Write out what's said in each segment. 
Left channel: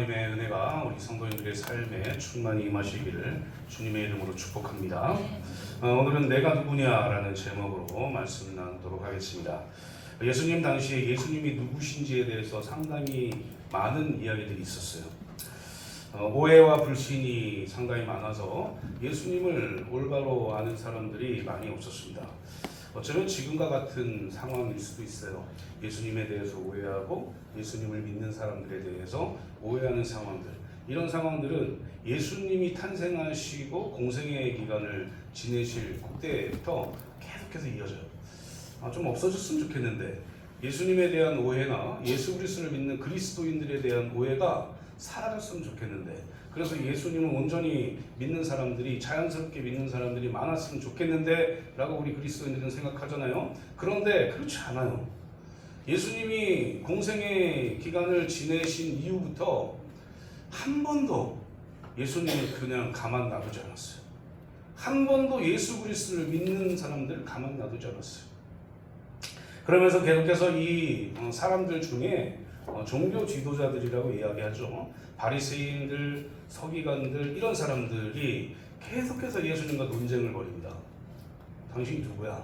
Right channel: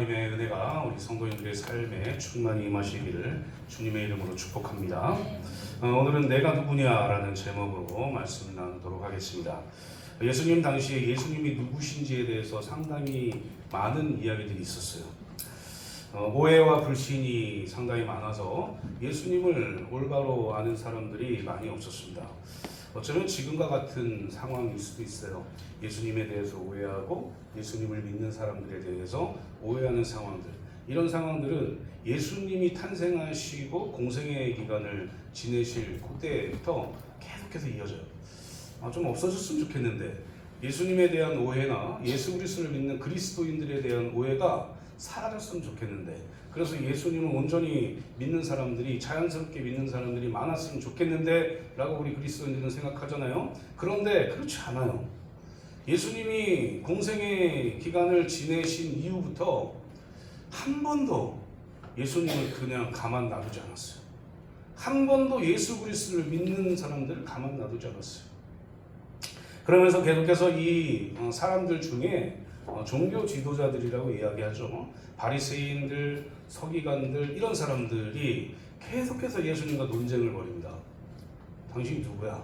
하나님의 은혜가 우리 성도님들의 삶에 충만히 임하시기를 주님의 이름으로 축복합니다. 오늘은 내가 누구냐라는 제목으로 말씀을 나누도록 하겠습니다. 예수님 당시에 예수님이 누구신지에 대해서 상당히 많은 이야기들이 있었어요. 오해와 불신이 상당히 많아서 예수님을 올바로 아는 사람들이 많이 없었습니다. 어쩌면 지금과 같은 상황일 수도 있어요. 예수님에 대해서 오해하고 예수님을 믿는 사람들에 대해서 오해하는 상황들. 이런 상황들은 예수님이 탄생하시고 공생의 기간을 지내실 그때부터 계속해서 이어져요. 좀 없어졌으면 좋겠는데 예수님에 대한 오해나 예수 그리스도를 믿는 그리스도인들에 대한 오해가 사라졌으면 좋겠는데, 그래서 예수님을 온전히 믿는 사람들이, 자연스럽게 믿는 사람들이 많았으면 좋겠는데 라고 우리 그리스도인들은 생각하잖아요. 그런데 그렇지 않아요. 예수님이 공생의 기간을 지내신 이후부터 한 번도 예수님을 그냥 가만 놔두지 않았어요. 한 번도 예수 그리스도를 믿는 사람들을 가만 놔두지 않았어요. 그러면서 계속해서 이 사람들 중에 종교 지도자들이라고 이야기하죠. 바리새인들, 서기관들, 이런 사람들이 계속해서 예수님과 논쟁을 벌입니다. 당신이 누구야?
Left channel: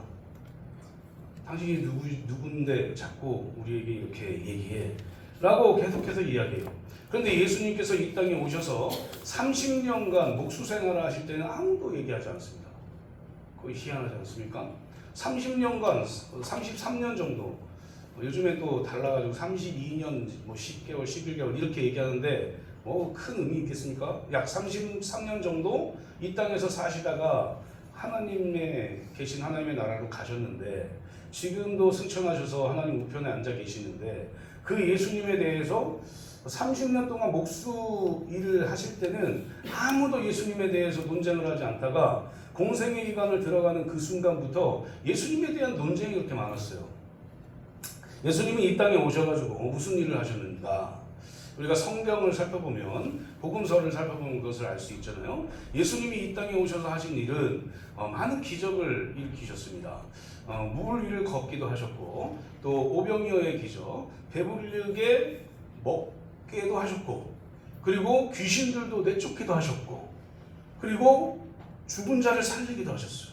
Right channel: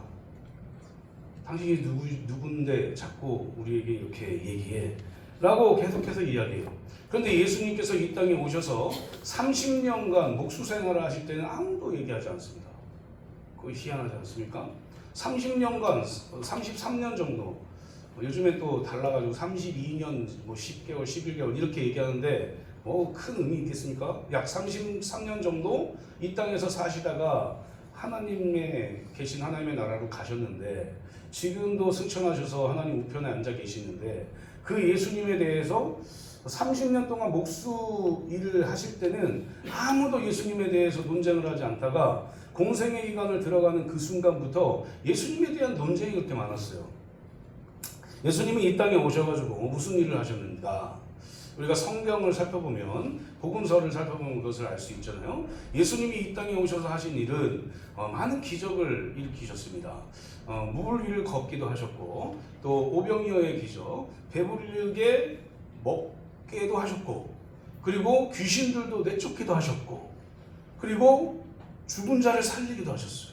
당신이 누군데 자꾸 우리에게 이렇게 얘기해? 라고 계속해서 이야기해요. 그런데 예수님께서 이 땅에 오셔서 30년간 목수 생활을 하실 때는 아무도 얘기하지 않습니다. 그거 희한하지 않습니까? 30년간, 33년 정도, 요즘에 또 달라가지고 32년, 10개월, 11개월 이렇게 얘기하는데 큰 의미 있겠습니까? 약 33년 정도 이 땅에서 사시다가 하나님의 계신 하나님의 나라로 가셨는데, 지금도 승천하셔서 하나님 우편에 앉아 계시는데, 그 예수님에 대해서 30년 동안 목수 일을 하실 때는 아무도 예수님에 대해서 논쟁을 하지 않다가 공생의 기간을 들어가는 그 순간부터 예수님에 대한 논쟁이 그렇게 많았어요. 예수님이 이 땅에 오셔가지고 무슨 일을 하셨는가? 우리가 성경을 살펴보면, 복음서를 살펴보면 그것을 알 수 있잖아요. 예수님이 이 땅에 오셔서 하신 일은 많은 기적을 일으키셨습니다. 물 위를 걷기도 하셨고, 또 오병이어의 기적, 배부르게 먹게도 하셨고, 그리고 귀신들도 내쫓기도 하셨고, 그리고 죽은 자를 살리기도 하셨어요.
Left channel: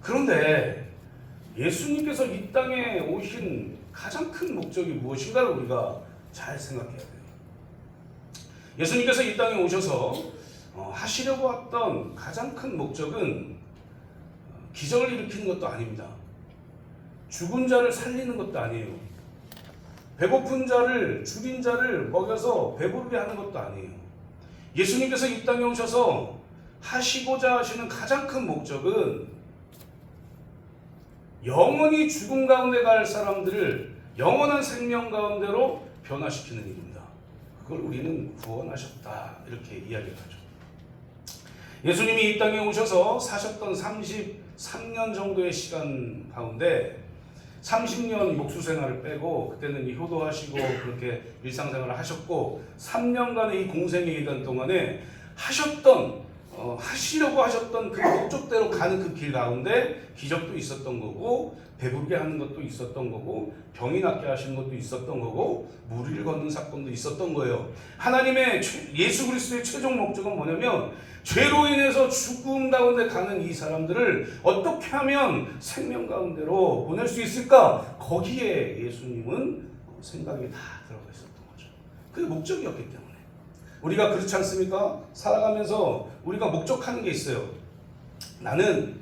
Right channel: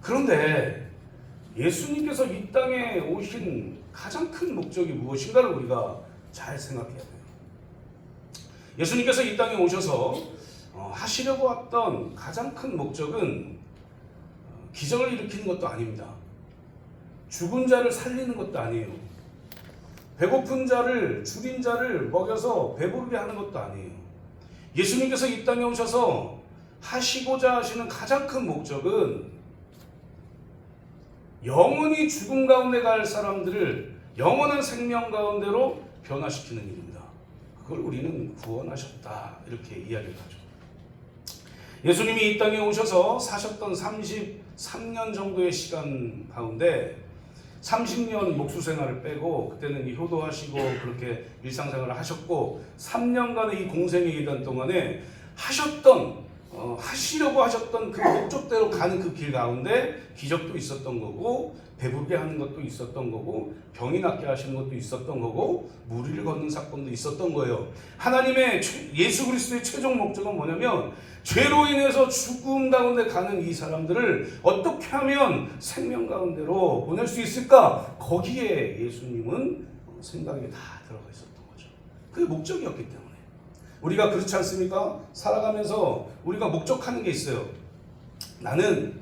그런데 예수님께서 이 땅에 오신 가장 큰 목적이 무엇인가를 우리가 잘 생각해야 돼요. 예수님께서 이 땅에 오셔서 하시려고 했던 가장 큰 목적은 기적을 일으키는 것도 아닙니다. 죽은 자를 살리는 것도 아니에요. 배고픈 자를, 줄인 자를 먹여서 배부르게 하는 것도 아니에요. 예수님께서 이 땅에 오셔서 하시고자 하시는 가장 큰 목적은 영원히 죽음 가운데 갈 사람들을 영원한 생명 가운데로 변화시키는 일입니다. 그걸 우리는 구원하셨다 이렇게 이야기를 하죠. 예수님이 이 땅에 오셔서 사셨던 33년 정도의 시간 가운데 30년 목수 생활을 빼고, 그때는 효도하시고 그렇게 일상생활을 하셨고, 3년간의 이 공생의 기간 동안에 하시려고 하셨던 그 목적대로 가는 그 길 가운데 기적도 있었던 거고, 배부르게 하는 것도 있었던 거고, 병이 낫게 하시는 것도 있었던 거고, 무리를 걷는 사건도 있었던 거예요. 하나님의 예수 그리스도의 최종 목적은 뭐냐면, 죄로 인해서 죽음 가운데 가는 이 사람들을 어떻게 하면 생명 가운데로 보낼 수 있을까? 거기에 예수님은 생각이 다 들어가 있었던 거죠. 그게 목적이었기 때문에. 우리가 그렇지 않습니까? 살아가면서 우리가 목적하는 게 있어요. 나는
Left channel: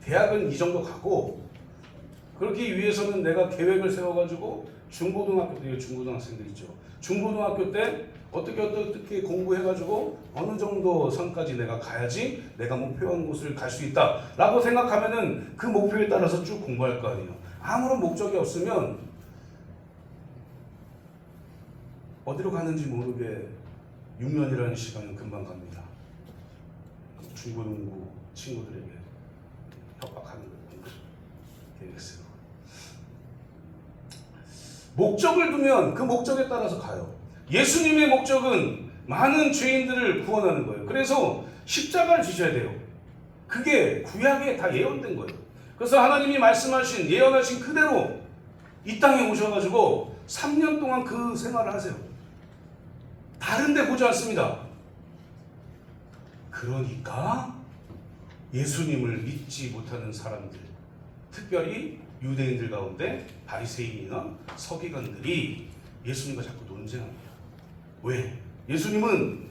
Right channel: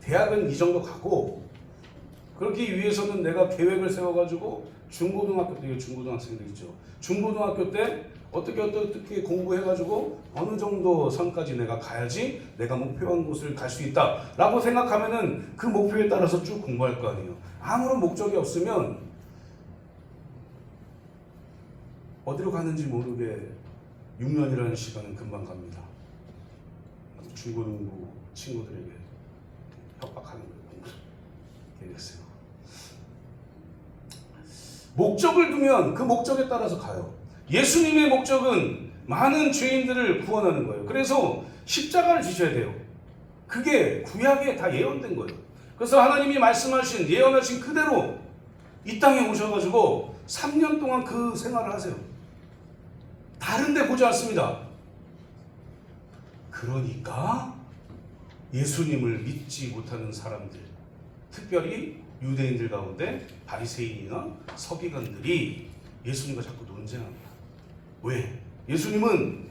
대학은 이 정도 가고, 그렇기 위해서는 내가 계획을 세워가지고 중고등학교 때, 중고등학생들 있죠. 중고등학교 때 어떻게 공부해가지고 어느 정도 선까지 내가 가야지 내가 목표한 곳을 갈 수 있다 라고 생각하면은 그 목표에 따라서 쭉 공부할 거 아니에요. 아무런 목적이 없으면 어디로 가는지 모르게 6년이라는 시간은 금방 갑니다. 중고등부 친구들에게 협박하는 거예요. 되겠어요. 목적을 두면 그 목적에 따라서 가요. 예수님의 목적은 많은 죄인들을 구원하는 거예요. 그래서 십자가를 지셔야 돼요. 그게 구약에 다 예언된 거예요. 그래서 하나님이 말씀하신, 예언하신 그대로 이 땅에 오셔가지고 3년 동안 그 생활을 하세요. 다른 데 보지 않습니다. 그러니까 예수님을 믿지 못하는 사람들, 특별히 유대인들 가운데 바리새인이나 서기관들이 예수님과 자꾸 논쟁합니다. 왜? 예수님은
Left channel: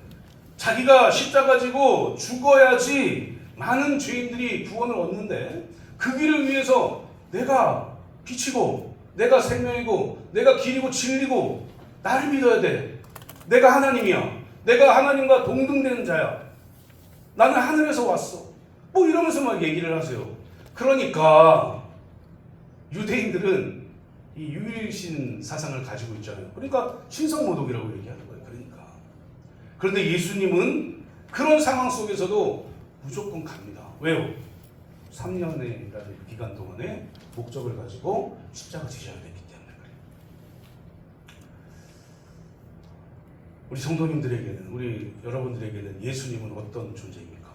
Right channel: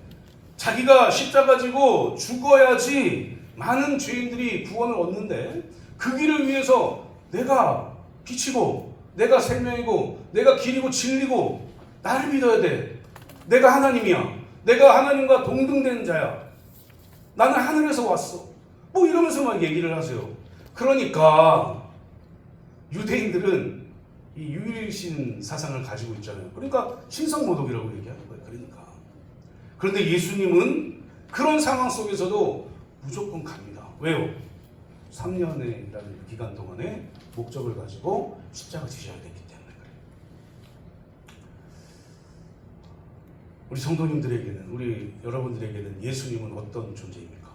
자기가 십자가 지고 죽어야지 많은 죄인들이 구원을 얻는데 그 길을 위해서 내가 빛이고 내가 생명이고 내가 길이고 진리고 나를 믿어야 돼. 내가 하나님이야. 내가 하나님과 동등되는 자야. 나는 하늘에서 왔어. 뭐 이러면서 막 얘기를 하세요. 그러니까 유대인들은 이 유일신 사상을 가지고 있잖아요. 그러니까 신성모독이라고 얘기하는 거예요. 그런데 예수님은 그런 상황 속에서도 무조건 갑니다. 왜요? 3년이라는 기간 동안에 목적을 가지고 십자가 지셔야 되기 때문에 그래요. 우리 성도님들에게는, 우리 여러분들에게는 예수님은 어떤 존재입니까?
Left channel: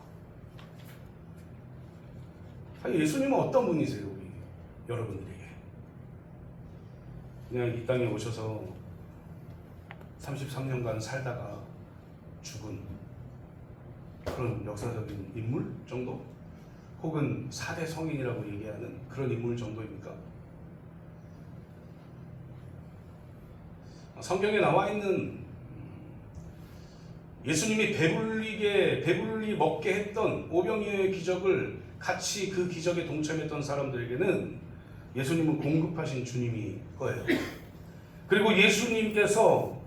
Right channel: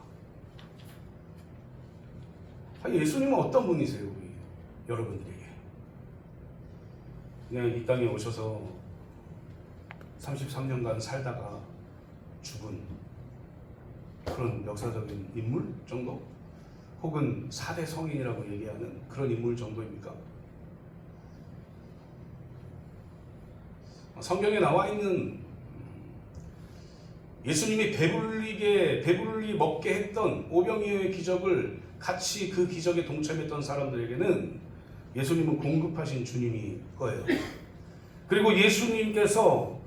예수님은 어떤 분이세요? 우리 여러분들에게. 그냥 이 땅에 오셔서 33년간 살다가 죽은 그런 역사적인 인물 정도? 혹은 4대 성인이라고 얘기하는 그런 인물 정도입니까? 성경에 나와 있는 예수님이 배불리 먹게 했던 오병이어의 기적을 같이 그 기적에 동참했던 사람들에게는 예수님은 공급하신 주님이 거예요. 그리고 예수님께서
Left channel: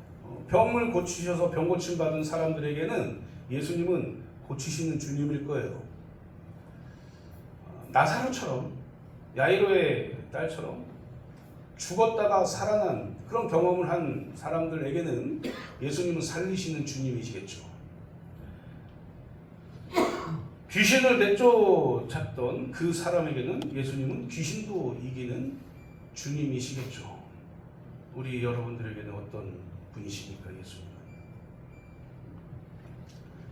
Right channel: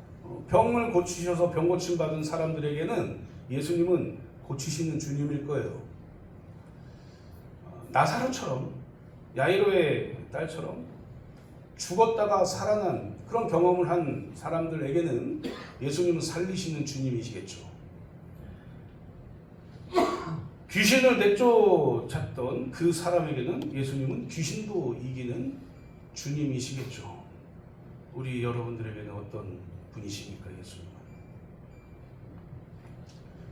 병을 고치셔서 병 고침 받은 사람들에게는 예수님은 고치시는 주님일 거예요. 나사로처럼, 야이로의 딸처럼 죽었다가 살아난 그런 경험을 한 사람들에게는 예수님은 살리시는 주님이시겠죠. 귀신을 내쫓았던 그 사람에게는 예수님은 귀신도 이기는 주님이시겠죠. 우리 여러분들에게는 어떤 분이십니까? 예수님은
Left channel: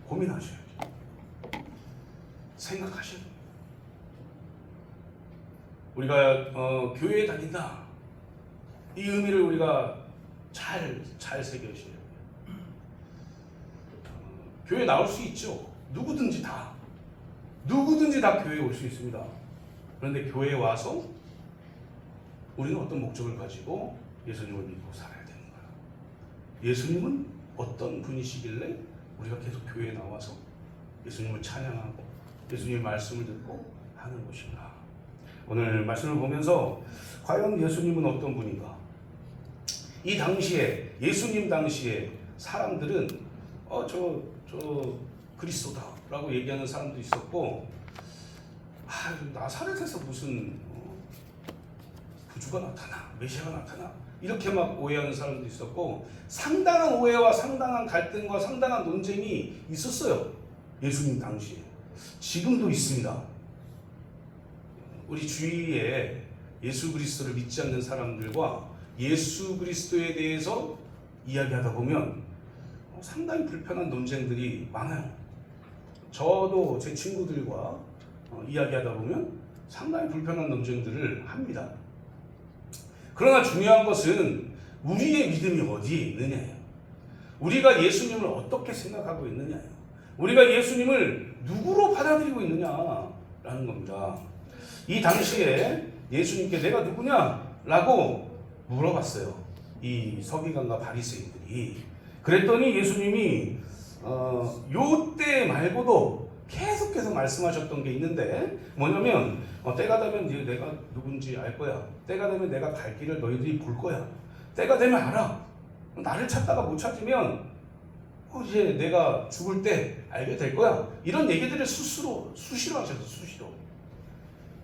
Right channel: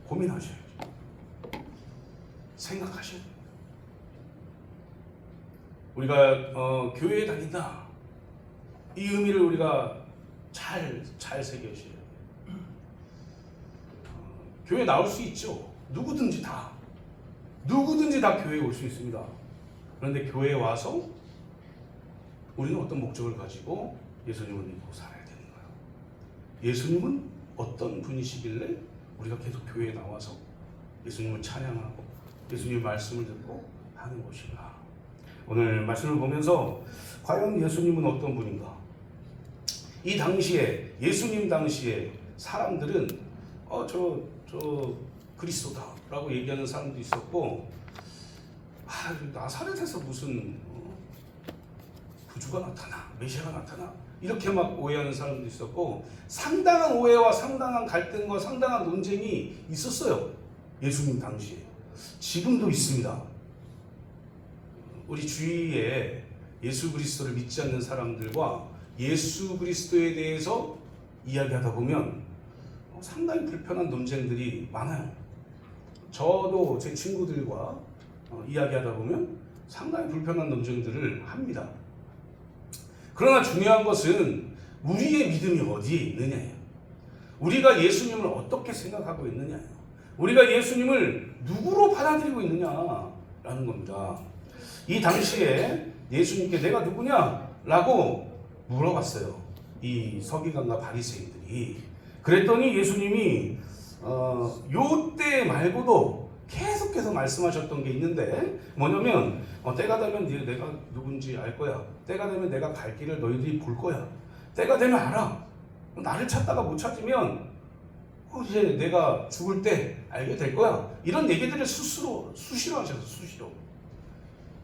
고민하셔야죠. 생각하셔야 돼요. 우리가 교회에 다닌다, 이 의미를 우리가 잘 새겨셔야 돼요. 교회 나올 수 있죠. 누구든지 다 교회에 올 수 있습니다. 그런데 교회에 와서 우리는 어떤 목적을 가지고 예수님을 믿고 살아야 되는 거예요. 예수님은 어떤 분이시길래 우리가 계속 교회에 나와서 예수님을 찬양하고 예수님의 말씀을 듣고 하는 것인가? 오늘 말씀을 보면서 과연 예수님은 어떤 분인가? 이 당시에, 예수님 당시에 사람들은 저 그리스도다라고 얘기하는 사람도 있었고, 나사렛에서 무슨 구주가 나타나, 메시아가 나타나, 이렇게 막 오해하는 사람도 있었고, 상당한 오해와 상당한 갈등과 상당한 논쟁이 있었어요. 예수님 당시에. 지금도 있습니다. 우리 주위에 예수 그리스도를 믿지 않는 사람들과 예수 그리스도에 대해서 이야기하다 보면 상당히 불편한 논쟁들이 많아요. 저도 제 친구들과 이야기하다 보면 상당히 불편한 논쟁들을 합니다. 그러나 중요한 것은 우리의 믿음이 어디에 있느냐예요. 우리가 예수님을 어떻게 생각하고 있느냐예요. 우리가 예수님을 누구로 받아들이고 있느냐라는 겁니다. 이 당시에 예수님께 내가 누구냐? 라고 물어봤어요. 이 서기관과 바리새인들이. 그랬더니 예수님이 요때 말고도 계속해서 말씀하셨던 게 있는데, 뭐냐면 때가 되면 내가 누군지 알 거야. 때가 되면 내가 갈 길을 너희들이 볼 거야. 때가 되면 알아. 나를 찾다가 못 찾으면 이제 내가 죽을 때 알게 될 거야. 이런 얘기들을 수시로 하셨어요. 수시로.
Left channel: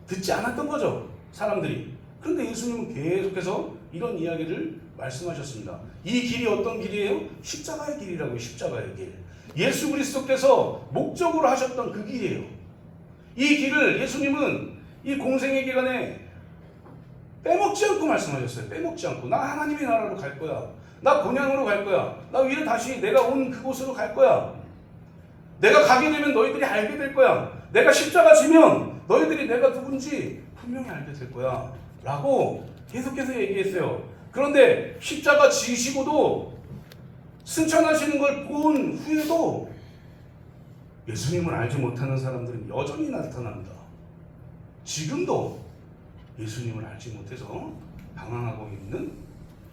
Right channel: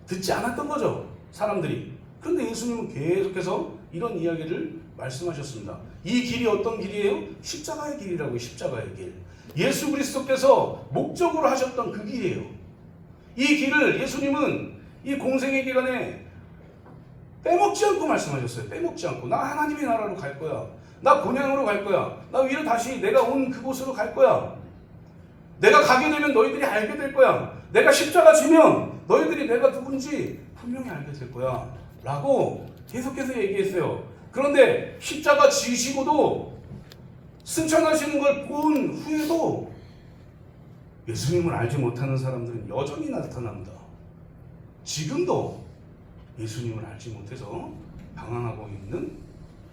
듣지 않았던 거죠, 사람들이. 그런데 예수님은 계속해서 이런 이야기를 말씀하셨습니다. 이 길이 어떤 길이에요? 십자가의 길이라고요. 십자가의 길. 예수 그리스도께서 목적으로 하셨던 그 길이에요. 이 길을 예수님은 이 공생의 기간에 빼먹지 않고 말씀하셨어요. 빼먹지 않고. 나 하나님의 나라로 갈 거야. 나 본향으로 갈 거야. 나 위로 다시 내가 온 그곳으로 갈 거야. 내가 가게 되면 너희들이 알게 될 거야. 내가 십자가 지면 너희들이 내가 누군지 분명히 알게 될 거야. 라고 계속해서 얘기했어요. 그런데 십자가 지시고도 승천하시는 걸 본 후에도 예수님을 알지 못하는 사람들은 여전히 나타납니다. 지금도 예수님을 알지 못해서 방황하고 있는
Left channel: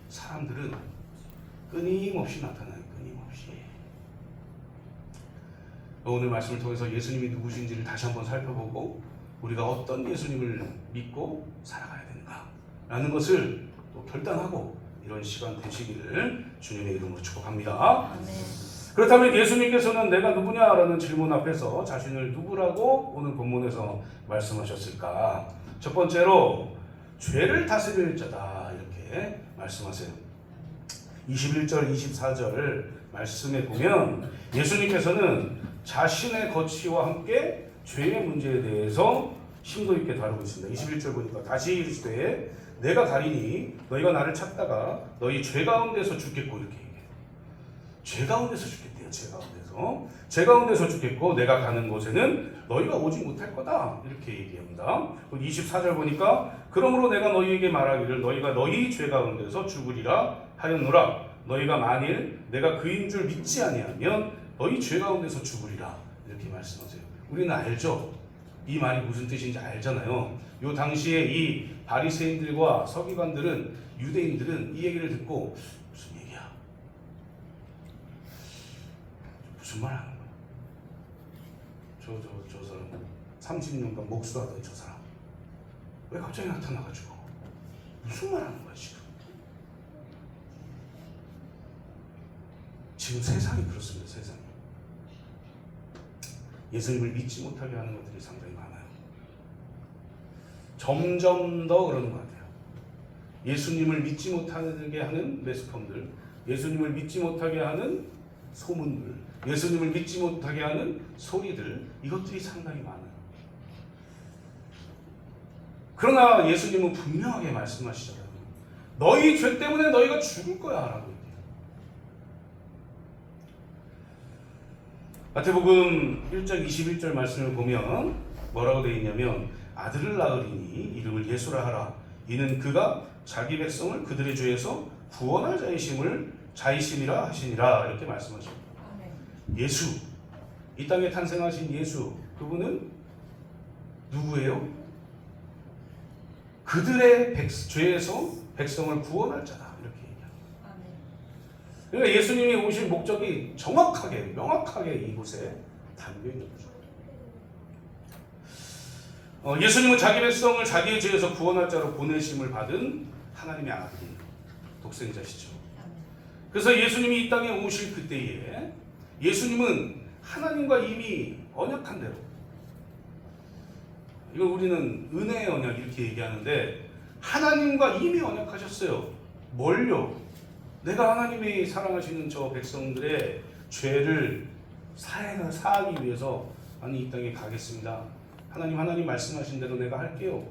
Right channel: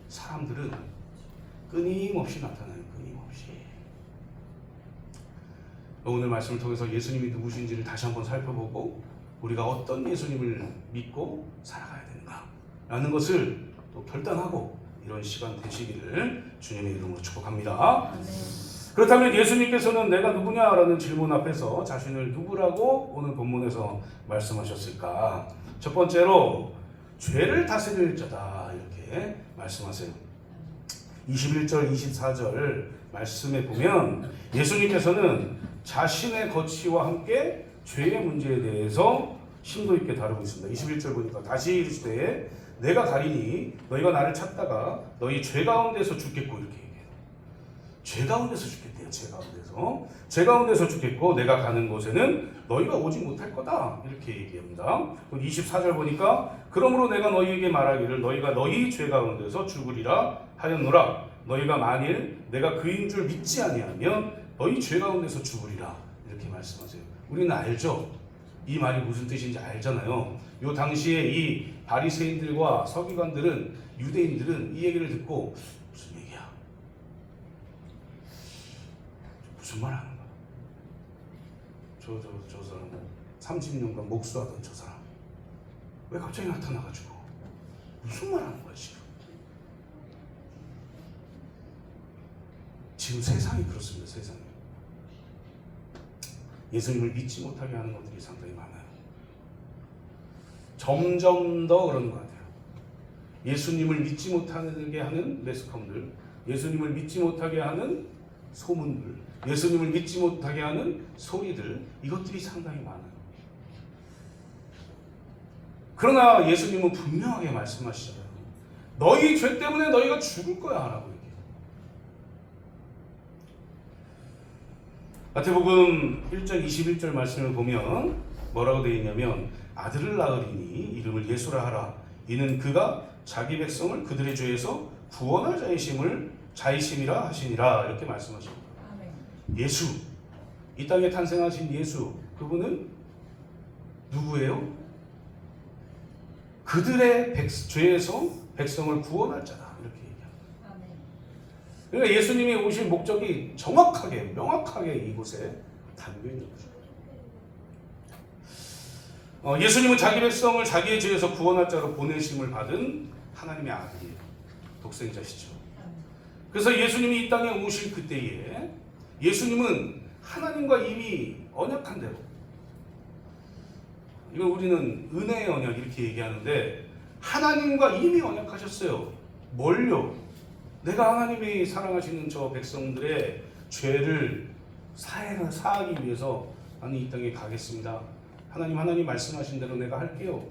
사람들은 끊임없이 나타나요. 끊임없이. 오늘 말씀을 통해서 예수님이 누구신지를 다시 한번 살펴보고 우리가 어떤 예수님을 믿고 살아가야 되는가라는 것을 또 결단하고 이런 시간 되시기를 주님의 이름으로 축복합니다. 그렇다면 예수님께서는 내가 누구냐라는 질문 앞에서 자신을 누구라고 오늘 본문에서 말씀하셨을까? 첫 번째로 죄를 다스릴 자다 이렇게 말씀하세요. 21절 24절 말씀에 보면 예수님께서는 자신의 거취와 함께 죄의 문제에 대해서 심도 있게 다루고 있습니다. 21절 보니까 다시 이르시되 내가 가리니 너희가 나를 찾다가 너희 죄 가운데서 죽겠고 이렇게 얘기해요. 죄 가운데서 죽겠대요. 죄 가운데서 죽겠고 내가 가는 곳에는 너희가 오지 못할 거다 이렇게 얘기합니다. 24절 보니까 그러므로 내가 너희에게 말하기를 너희가 너희 죄 가운데서 죽으리라 하였노라. 너희가 만일 내가 그인 줄 믿지 아니하면 너희 죄 가운데서 죽으리라 이렇게 말씀하세요. 우리는 알죠. 이 말이 무슨 뜻인지 알잖아요. 요 당시에 이 바리새인들과 서기관들은 유대인들은 이 얘기를 듣고 무슨 얘기야? 무슨 말 하는 거야? 저 사람 30년간 목수하던 저 사람 왜 갑자기 나타나가지고 무슨 말 하는 거야 지금 세상이 그렇습니다. 세상이 예수님을 믿지 못하게 하는 것들이 상당히 많아요. 점점 더 그러는 것 같아요. 예수님을 믿지 못하게 하는 매스컴들, 예수님을 믿지 못하게 하는 소문들, 예수님을 믿지 못하게 하는 소리들, 이것들이 상당히 많아요. 그러나 예수님은 분명하게 말씀하시잖아요. 너희 죄 때문에 너희가 죽을 거야 라고 얘기해요. 마태복음 1장 21절 말씀을 보면 뭐라고 되어 있냐면 아들을 낳으리니 이름을 예수라 하라. 이는 그가 자기 백성을 그들의 죄에서 구원할 자이심이라 하시니라 이렇게 말씀하십니다. 예수, 이 땅에 탄생하신 예수, 그분은 누구예요? 그들의 죄에서 백성을 구원할 자다 이렇게 얘기합니다. 그러니까 예수님이 오신 목적이 정확하게 명확하게 이곳에 담겨 있는 거죠. 예수님은 자기 백성을 자기의 죄에서 구원할 자로 보내심을 받은 하나님의 아들이에요. 독생자시죠. 그래서 예수님이 이 땅에 오실 그때에 예수님은 하나님과 이미 언약한 대로, 이건 우리는 은혜의 언약 이렇게 얘기하는데 하나님과 이미 언약하셨어요. 뭘요? 내가 하나님이 사랑하시는 저 백성들의 죄를 사하기 위해서 나는 이 땅에 가겠습니다. 하나님 말씀하신 대로 내가 할게요.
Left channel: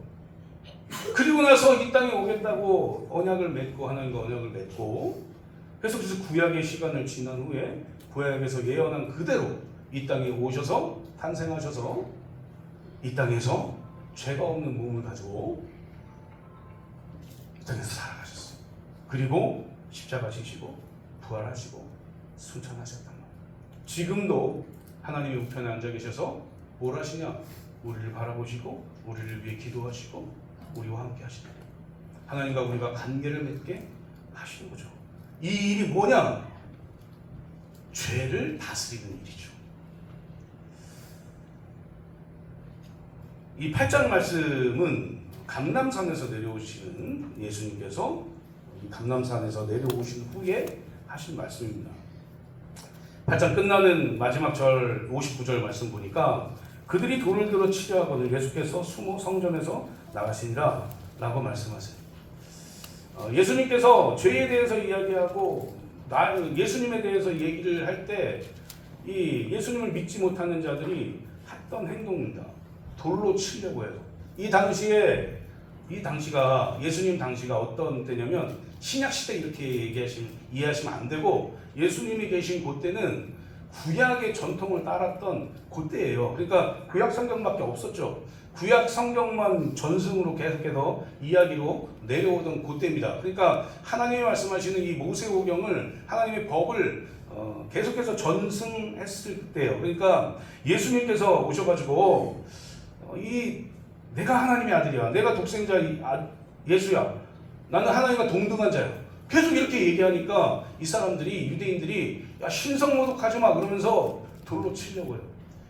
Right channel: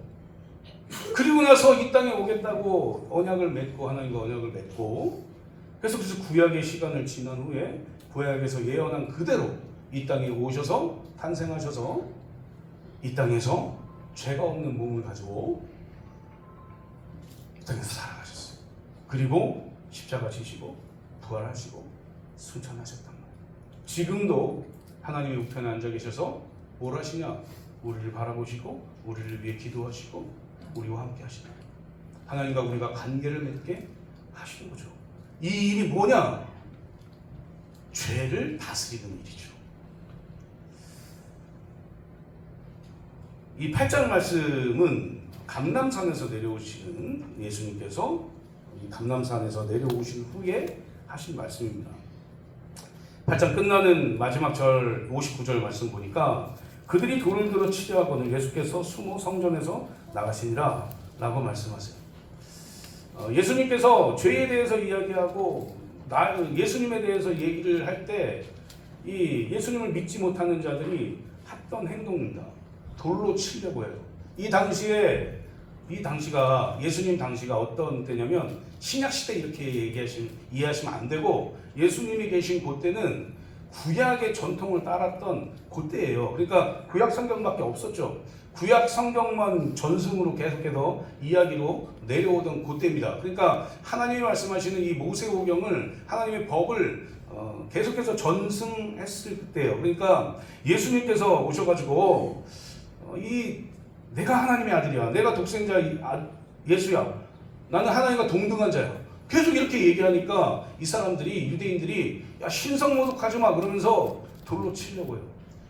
그리고 나서 이 땅에 오겠다고 언약을 맺고 하나님과 언약을 맺고 그래서 구약의 시간을 지난 후에 구약에서 예언한 그대로 이 땅에 오셔서 탄생하셔서 이 땅에서 죄가 없는 몸을 가지고 이 땅에서 살아가셨어요. 그리고 십자가 지시고 부활하시고 승천하셨단 말이에요. 지금도 하나님의 우편에 앉아 계셔서 뭘 하시냐? 우리를 바라보시고 우리를 위해 기도하시고 우리와 함께 하시는 거예요. 하나님과 우리가 관계를 맺게 하시는 거죠. 이 일이 뭐냐? 죄를 다스리는 일이죠. 이 8장 말씀은 감람산에서 내려오시는 예수님께서 이 감람산에서 내려오신 후에 하신 말씀입니다. 8장 끝나는 마지막 절 59절 말씀 보니까 그들이 돌을 들어 치려하거늘 예수께서 숨어 성전에서 나가시니라 라고 말씀하세요. 예수님께서 죄에 대해서 이야기하고 예수님에 대해서 얘기를 할 때 이 예수님을 믿지 못하는 자들이 했던 행동입니다. 돌로 치려고 해요. 이 당시가 예수님 당시가 어떤 때냐면 신약 시대 이렇게 이해하시면 안 되고 예수님이 계신 그때는 구약의 전통을 따랐던 그때예요. 그러니까 구약 성경밖에 없었죠. 구약 성경만 전승으로 계속해서 이야기로 내려오던 그때입니다. 그러니까 하나님이 말씀하시는 이 모세오경을 하나님의 법을 계속해서 전승했을 때예요. 그러니까 예수님께서 오셔가지고 내가 하나님의 아들이야, 내가 독생자 예수야, 나는 하나님과 동등한 자야, 계속 이렇게 얘기하니까 이 사람들이, 유대인들이 야 신성모독하지 마 그러면서 돌로 치려고 해요.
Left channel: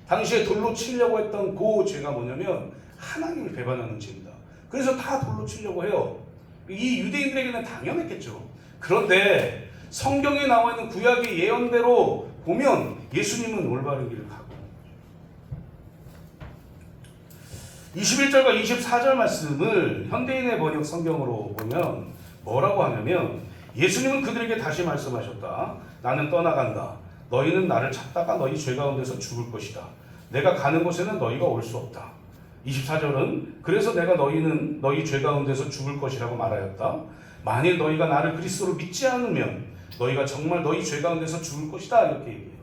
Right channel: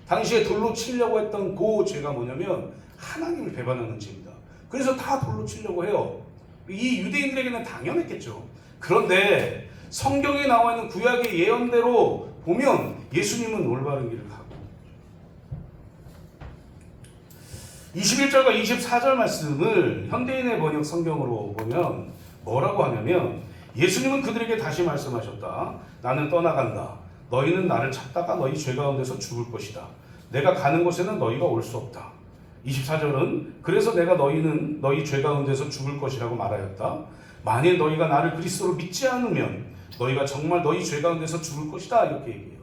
당시에 돌로 치려고 했던 그 죄가 뭐냐면 하나님을 배반하는 죄입니다. 그래서 다 돌로 치려고 해요. 이 유대인들에게는 당연했겠죠. 그런데 성경에 나와 있는 구약의 예언대로 보면 예수님은 올바른 길을 가고 21절과 24절 말씀을 현대인의 번역 성경으로 보면 뭐라고 하냐면 예수님은 그들에게 다시 말씀하셨다. 나는 떠나간다. 너희는 나를 찾다가 너희 죄 가운데서 죽을 것이다. 내가 가는 곳에는 너희가 올 수 없다. 24절은 그래서 내가 너희는 너희 죄 가운데서 죽을 것이라고 말하였다. 만일 너희가 나를 그리스도로 믿지 않으면 너희가 정말 너희 죄 가운데서 죽을 것이다. 이렇게 얘기해요.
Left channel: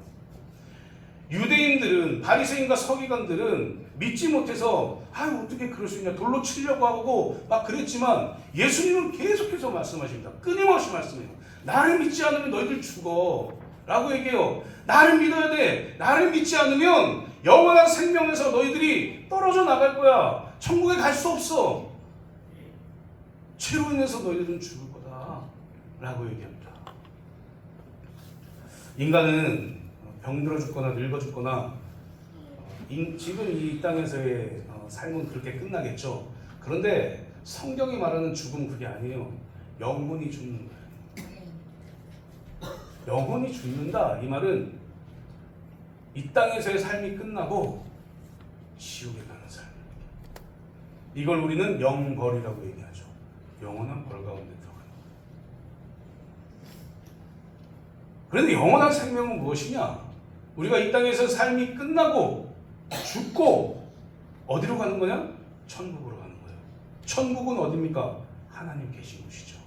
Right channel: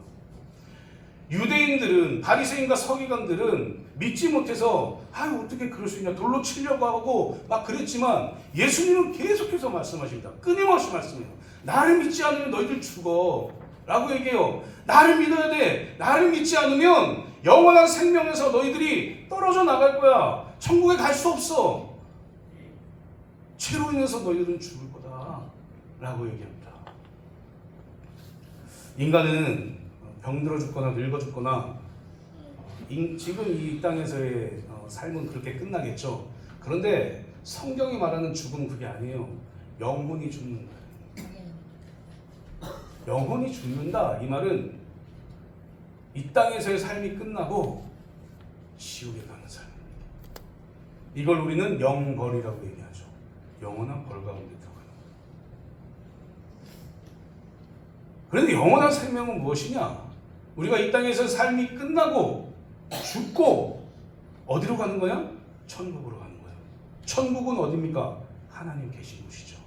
유대인들은, 바리새인과 서기관들은 믿지 못해서 어떻게 그럴 수 있냐, 돌로 치려고 하고 막 그랬지만 예수님은 계속해서 말씀하십니다. 끊임없이 말씀해요. 나를 믿지 않으면 너희들 죽어 라고 얘기해요. 나를 믿어야 돼. 나를 믿지 않으면 영원한 생명에서 너희들이 떨어져 나갈 거야. 천국에 갈 수 없어. 죄로 인해서 너희들은 죽을 거다 라고 얘기합니다. 인간은 병들어 죽거나 늙어 죽거나 지금 이 땅에서의 삶은 그렇게 끝나겠죠. 그런데 성경이 말하는 죽음은 그게 아니에요. 영혼이 죽는 거예요. 영혼이 죽는다. 이 말은 이 땅에서의 삶이 끝나고 지옥에 가는 삶입니다. 이걸 우리는 영벌이라고 얘기하죠. 영원한 벌 가운데 들어가는. 그런데 영원한 생명은 무엇이냐? 우리가 이 땅에서 삶이 끝나고 죽고 어디로 가는 거냐? 천국으로 가는 거예요. 천국은 어디입니까? 하나님 계신 곳이죠.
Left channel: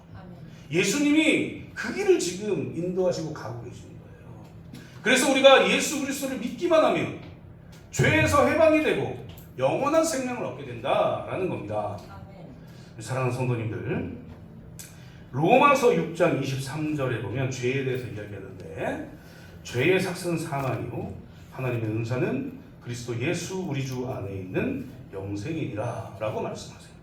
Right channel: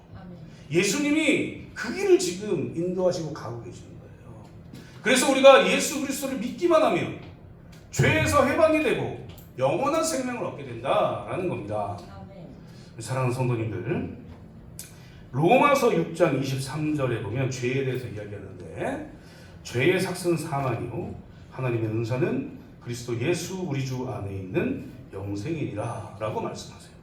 예수님이 그 길을 지금 인도하시고 가고 계시는 거예요. 그래서 우리가 예수 그리스도를 믿기만 하면 죄에서 해방이 되고 영원한 생명을 얻게 된다라는 겁니다. 사랑하는 성도님들, 로마서 6장 23절에 보면 죄에 대해서 이야기하는데 죄의 삭은 사망이요 하나님의 은사는 그리스도 예수 우리 주 안에 있는 영생이니라 라고 말씀하세요.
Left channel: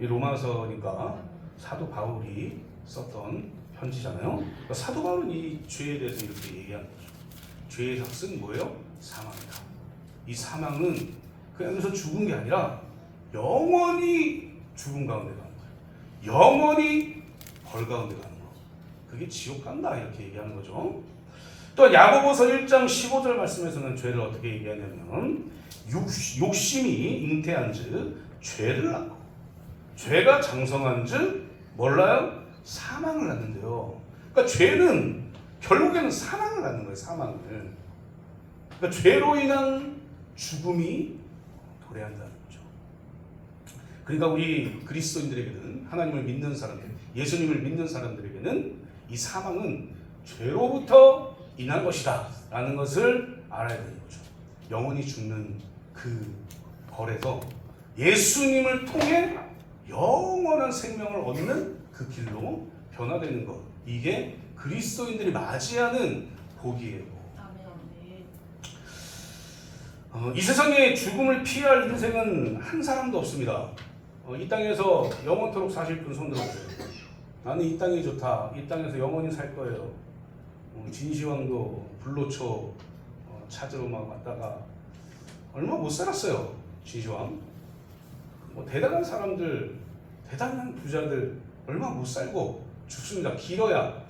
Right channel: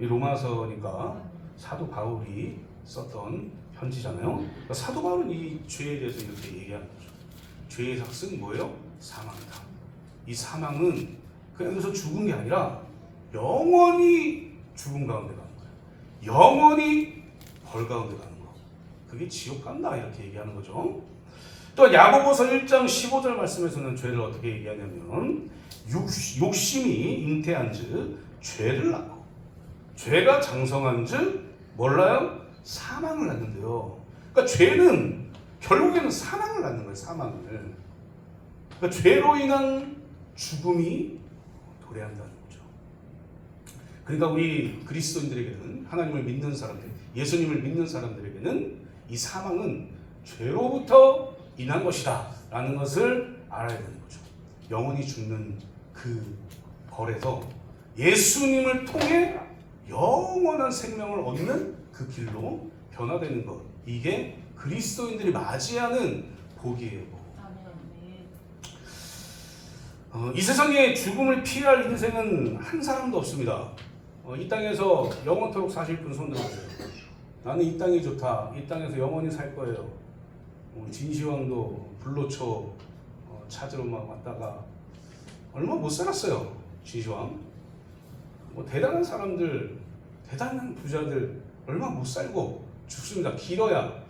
이 로마서니까 사도 바울이 썼던 편지잖아요. 그러니까 사도 바울은 이 죄에 대해서 이렇게 얘기하는 거죠. 죄의 삭은 뭐예요? 사망이다. 이 사망은 그냥 여기서 죽은 게 아니라 영원히 죽음 가운데 가는 거예요. 영원히 벌 가운데 가는 거예요. 그게 지옥 간다 이렇게 얘기하는 거죠. 또 야고보서 1장 15절 말씀에서는 죄를 어떻게 얘기하냐면 욕심이 잉태한즉 죄를 낳고 죄가 장성한즉 몰라요? 사망을 낳는데요. 그러니까 죄는 결국에는 사망을 낳는 거예요. 사망을. 그러니까 죄로 인한 죽음이 도래한다는 거죠. 그러니까 우리 그리스도인들에게는, 하나님을 믿는 사람들, 예수님을 믿는 사람들에게는 이 사망은 죄로부터 인한 것이다 라는 것을 알아야 되는 거죠. 영원히 죽는 그 벌에서 예수님을 통해 영원한 생명을 얻는 그 길로 변화되는 것, 이게 그리스도인들이 맞이하는 복이에요. 이 세상에 죽음을 피할 인생은 한 사람도 없습니다. 이 땅에서 영원토록 사실 분 손 들어보세요. 나는 이 땅이 좋다. 이 땅에서 영원히 살 거예요. 진시황도 불로초 찾으러 막 왔다가 얼마 못 살았어요. 진시황. 대단한 사람들, 대단한 부자들 얼마 못 살고 죽습니다. 길어야.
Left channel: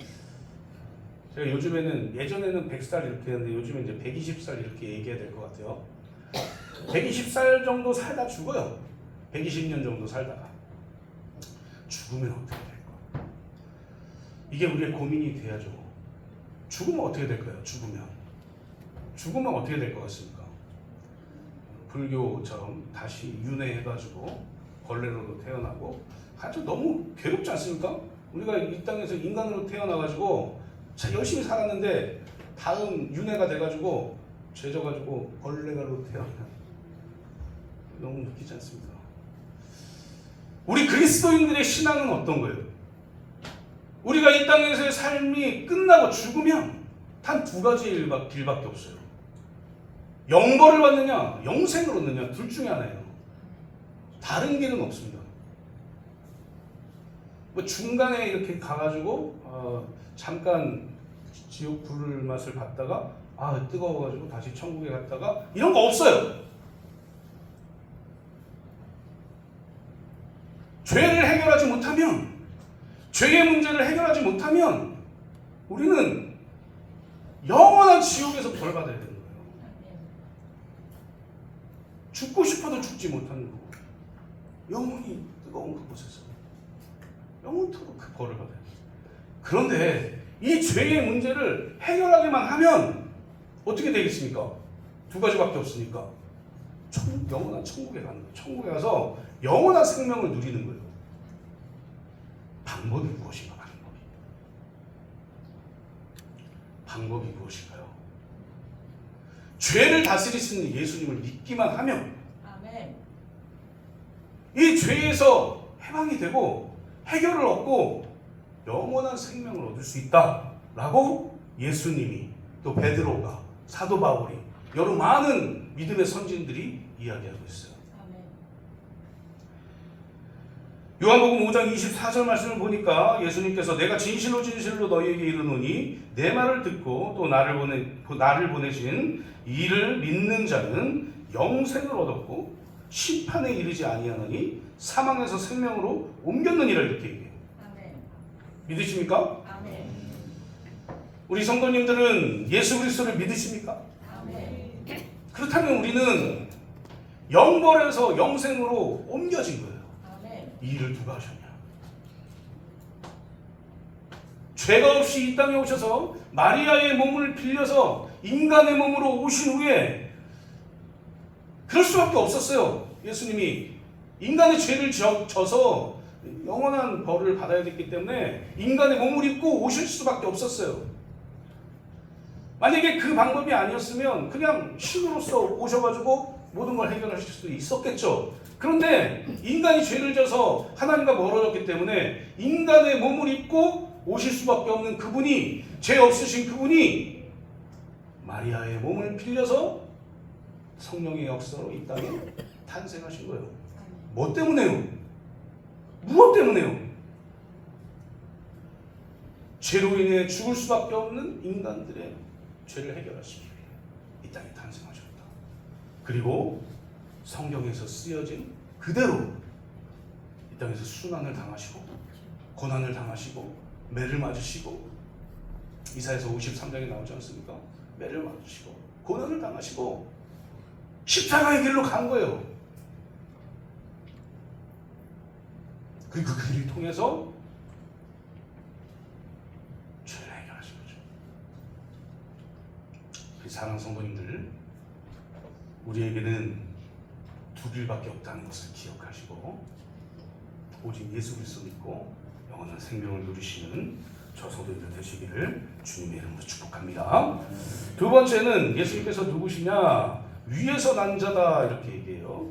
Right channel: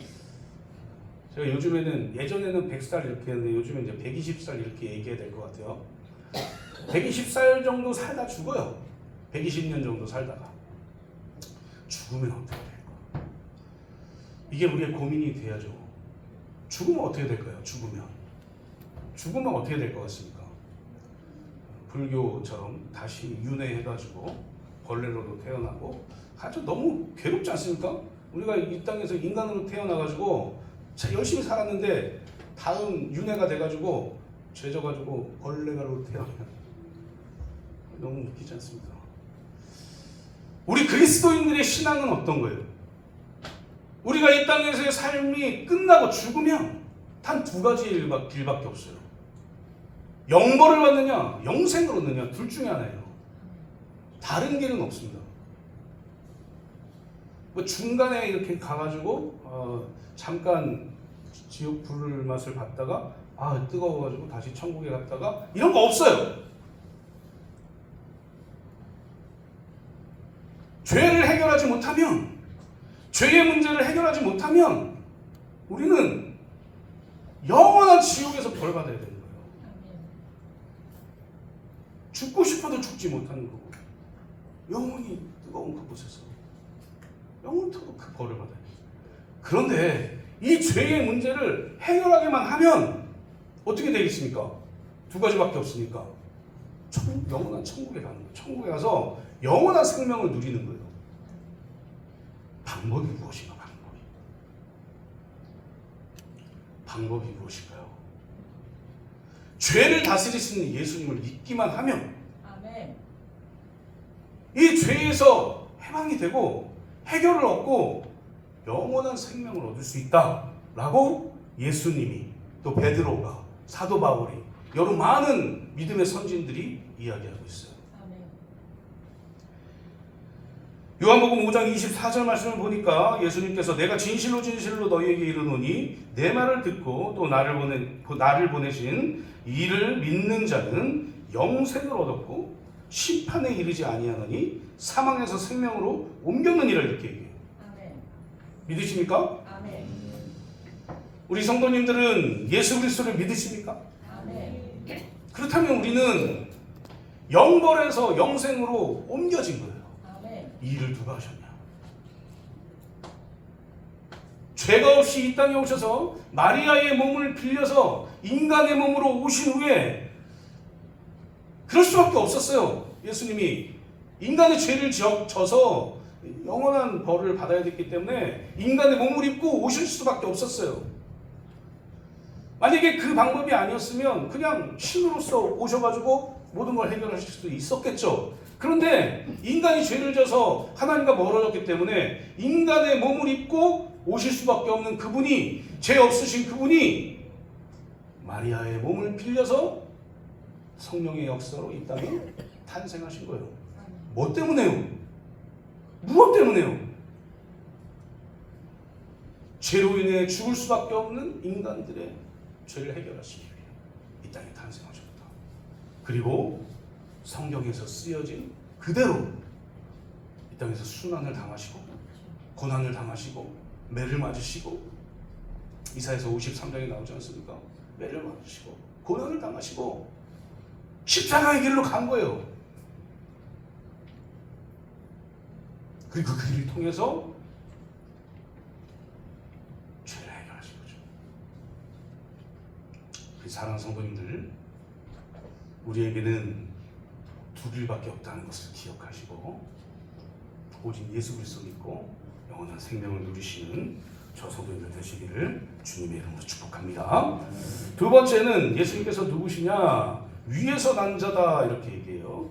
제가 요즘에는, 예전에는 100살 이렇게 했는데 요즘엔 이제 120살 이렇게 얘기해야 될 것 같아요. 120살 정도 살다 죽어요. 120년 정도 살다가. 죽으면 어떻게 될까? 이게 우리의 고민이 돼야죠. 죽으면 어떻게 될까요? 죽으면 어떻게 될 것 같습니까? 불교처럼 다시 윤회해가지고 벌레로도 태어나고 아주 너무 괴롭지 않습니까? 우리가 이 땅에서 인간으로 태어나가지고 열심히 살았는데 다음 윤회가 돼가지고 죄져가지고 벌레가로 태어나. 너무 웃기지 않습니까? 우리 그리스도인들의 신앙은 어떤 거예요? 우리가 이 땅에서의 삶이 끝나고 죽으면 단 두 가지 길밖에 없어요. 영벌을 받느냐, 영생을 얻느냐, 둘 중에 하나예요. 다른 길은 없습니다. 뭐 중간에 이렇게 가가지고 잠깐 지옥 불을 맛을 봤다가 뜨거워가지고 다시 천국에 갔다가 이런 거 없어요. 죄를 해결하지 못하면, 죄의 문제를 해결하지 못하면 우리는 영원한 지옥에서 벌 받아야 되는 거예요. 죽고 싶어도 죽지 못하는 거고, 영원히 뜨거운 그곳에서 영원토록 그 벌을 받아야 돼요. 그런데 이 죄의 문제를 해결하기만 하면 어떻게 되겠습니까? 두 가지밖에 없으니까 영원한 천국에 가는 거예요. 천국에 가서 영원한 생명을 누리는 거예요. 방법이 무엇인가? 방법이 무엇인가요? 죄를 다스리시는 예수님을 믿기만 하면 아멘. 이 죄에서 해방이 되고 해결을 얻고 영원한 생명을 얻을 수 있다라고 예수님이, 또 베드로가, 사도 바울이, 여러 많은 믿음의 선진들이 이야기하고 있어요. 아멘. 요한복음 5장 24절 말씀을 보니까 예수님께서 내가 진실로 진실로 너희에게 이르노니 내 말을 듣고 또 나를 보내신 이를 믿는 자는 영생을 얻었고 심판에 이르지 아니하나니 사망에서 생명으로 옮겼느니라, 이렇게 얘기해요. 아멘. 믿으십니까? 아멘. 우리 성도님들은 예수 그리스도를 믿으십니까? 아멘. 그렇다면 우리는 영벌에서 영생으로 옮겨진 거예요. 아멘. 이 일을 누가 하셨냐? 죄가 없이 이 땅에 오셔서 마리아의 몸을 빌려서 인간의 몸으로 오신 후에 그럴 수밖에 없었어요. 예수님이 인간의 죄를 져서 영원한 벌을 받아야 됐기 때문에 인간의 몸을 입고 오실 수밖에 없었어요. 만약에 그 방법이 아니었으면 그냥 신으로서 오셔가지고 모든 걸 해결하실 수도 있었겠죠. 그런데 인간이 죄를 져서 하나님과 멀어졌기 때문에 인간의 몸을 입고 오실 수밖에 없는 그분이, 죄 없으신 그분이 마리아의 몸을 빌려서 성령의 역사로 이 땅에 탄생하신 거예요. 뭐 때문에요? 무엇 때문에요? 죄로 인해 죽을 수밖에 없는 인간들의 죄를 해결하시기 위해 이 땅에 탄생하셨다. 그리고 성경에서 쓰여진 그대로 이 땅에서 순환을 당하시고 고난을 당하시고 매를 맞으시고, 이사야서 53장에 나오지 않습니까? 매를 맞으시고 고난을 당하시고 십자가의 길로 간 거예요. 그리고 그 길을 통해서 죄를 해결하신 거죠. 사랑하는 성도님들, 우리에게는 두 길밖에 없다는 것을 기억하시고 오직 예수 그리스도 믿고 영원한 생명을 누리시는 저 성도님들 되시기를 주님의 이름으로 축복합니다. 두 번째는 예수님께서 누구시냐? 위에서 난 자다, 이렇게 얘기해요.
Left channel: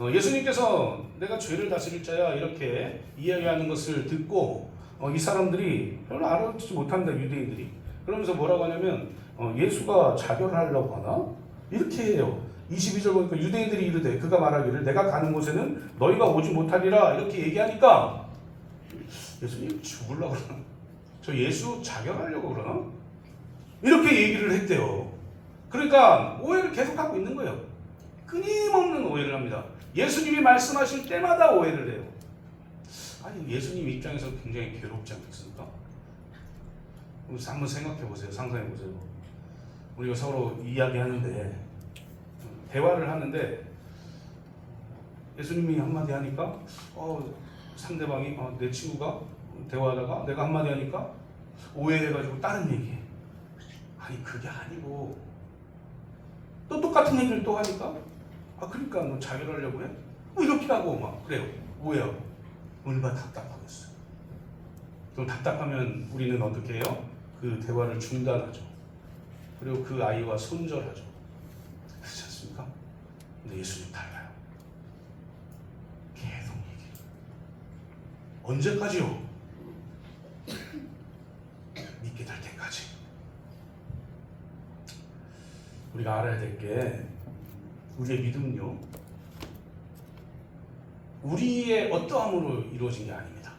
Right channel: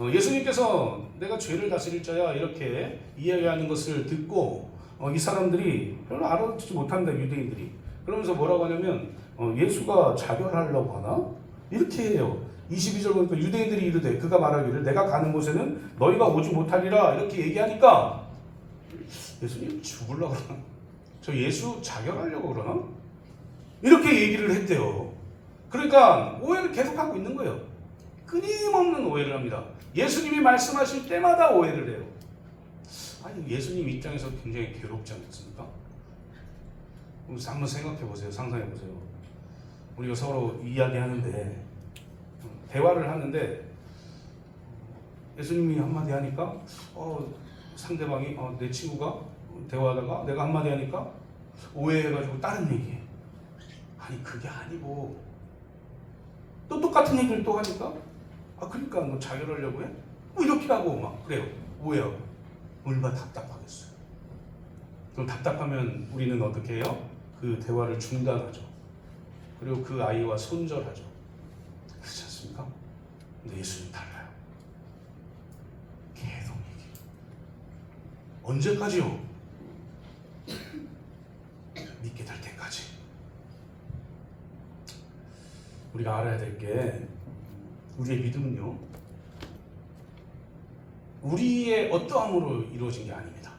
예수님께서 내가 죄를 다스릴 자야, 이렇게 이야기하는 것을 듣고 이 사람들이 별로 알아듣지 못한다, 유대인들이. 그러면서 뭐라고 하냐면 예수가 자결하려고 하나? 이렇게 해요. 22절 보니까 유대인들이 이르되 그가 말하기를 내가 가는 곳에는 너희가 오지 못하리라, 이렇게 얘기하니까 예수님 죽으려고 그러나? 저 예수 자결하려고 그러나? 이렇게 얘기를 했대요. 그러니까 오해를 계속하고 있는 거예요. 끊임없는 오해를 합니다. 예수님이 말씀하실 때마다 오해를 해요. 아니, 예수님 입장에서 굉장히 괴롭지 않겠습니까? 한번 생각해 보세요. 상상해 보세요. 우리가 서로 이야기하는데, 대화를 하는데 예수님이 한마디 하니까 상대방이 내 친구가 대화하다가 내가 한마디 하니까 오해해가지고 다른 얘기해. 아니, 그게 아니고 또 똑같은 얘기를 또 하니까 그러니까 너 자결하려고 해? 뭐 이렇게 하고 막 그래요. 오해하고. 얼마나 답답하겠어. 그럼 답답하면 우리는 어떻게 해요? 그 대화를 중단하죠. 그리고 그 아이와 손절하죠. 그렇지 않습니까? 근데 예수님 달라요. 언제까지요? 믿게 될 때까지. 우리가 알아야 될 게 우리의 믿음은요, 우리의 어떠함으로 이루어진 게 아닙니다.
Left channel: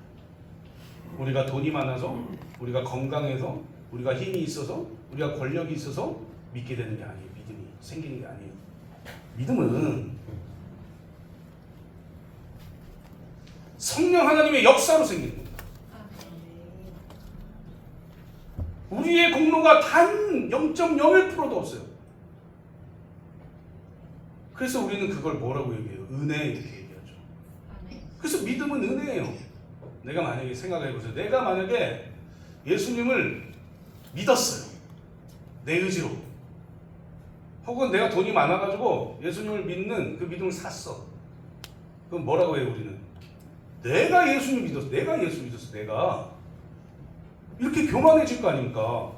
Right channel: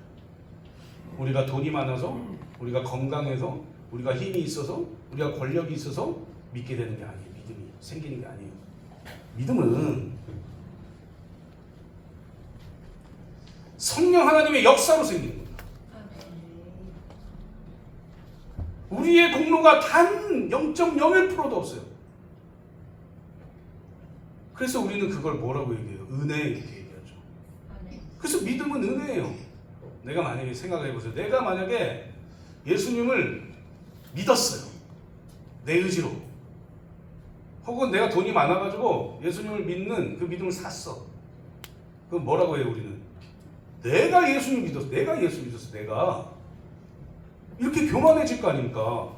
우리가 돈이 많아서, 우리가 건강해서, 우리가 힘이 있어서, 우리가 권력이 있어서 믿게 되는 게 아니에요. 믿음이 생기는 게 아니에요. 믿음은 성령 하나님의 역사로 생기는 겁니다. 우리의 공로가 단 0.01%도 없어요. 그래서 우리는 그걸 뭐라고 얘기해요? 은혜 이렇게 얘기하죠. 그래서 믿음은 은혜예요. 내가 만약에 생각해보세요. 내가 만약에 예수님을 믿었어요. 내 의지로. 혹은 내가 돈이 많아가지고 예수님을 믿는 그 믿음을 샀어. 그럼 뭐라고 해요 우리는? 내가 예수님 믿었어. 내가 예수 믿었어. 내가. 이렇게 교만해질 거 아닙니까?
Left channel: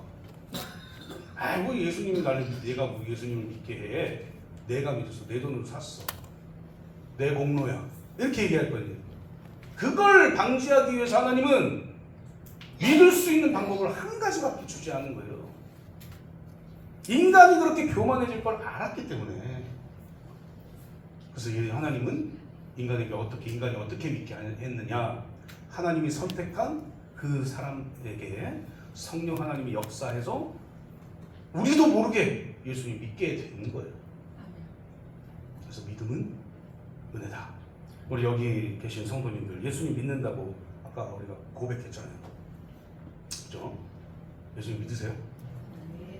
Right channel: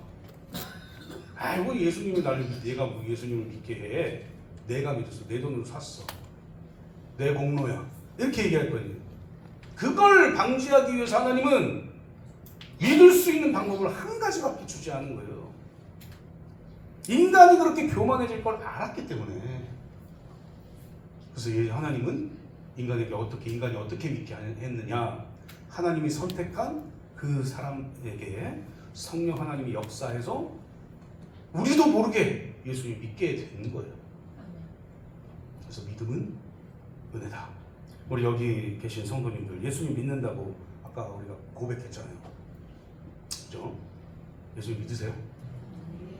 아이고 예수님을 나를 내가 예수님을 믿게 해. 내가 믿었어. 내 돈으로 샀어. 내 공로야. 이렇게 얘기할 거예요. 그걸 방지하기 위해서 하나님은 믿을 수 있는 방법을 한 가지밖에 주지 않은 거예요. 인간이 그렇게 교만해질 걸 알았기 때문에. 그래서 하나님은 인간이 어떻게 믿게 했느냐? 하나님이 선택한 그 사람에게 성령 하나님이 역사해서 우리도 모르게 예수님 믿게 되는 거예요. 그래서 믿음은 은혜다. 우리 여기 계신 성도님들 예수님 믿는다고 아까 우리가 고백했잖아요. 그죠? 예수님 믿으세요?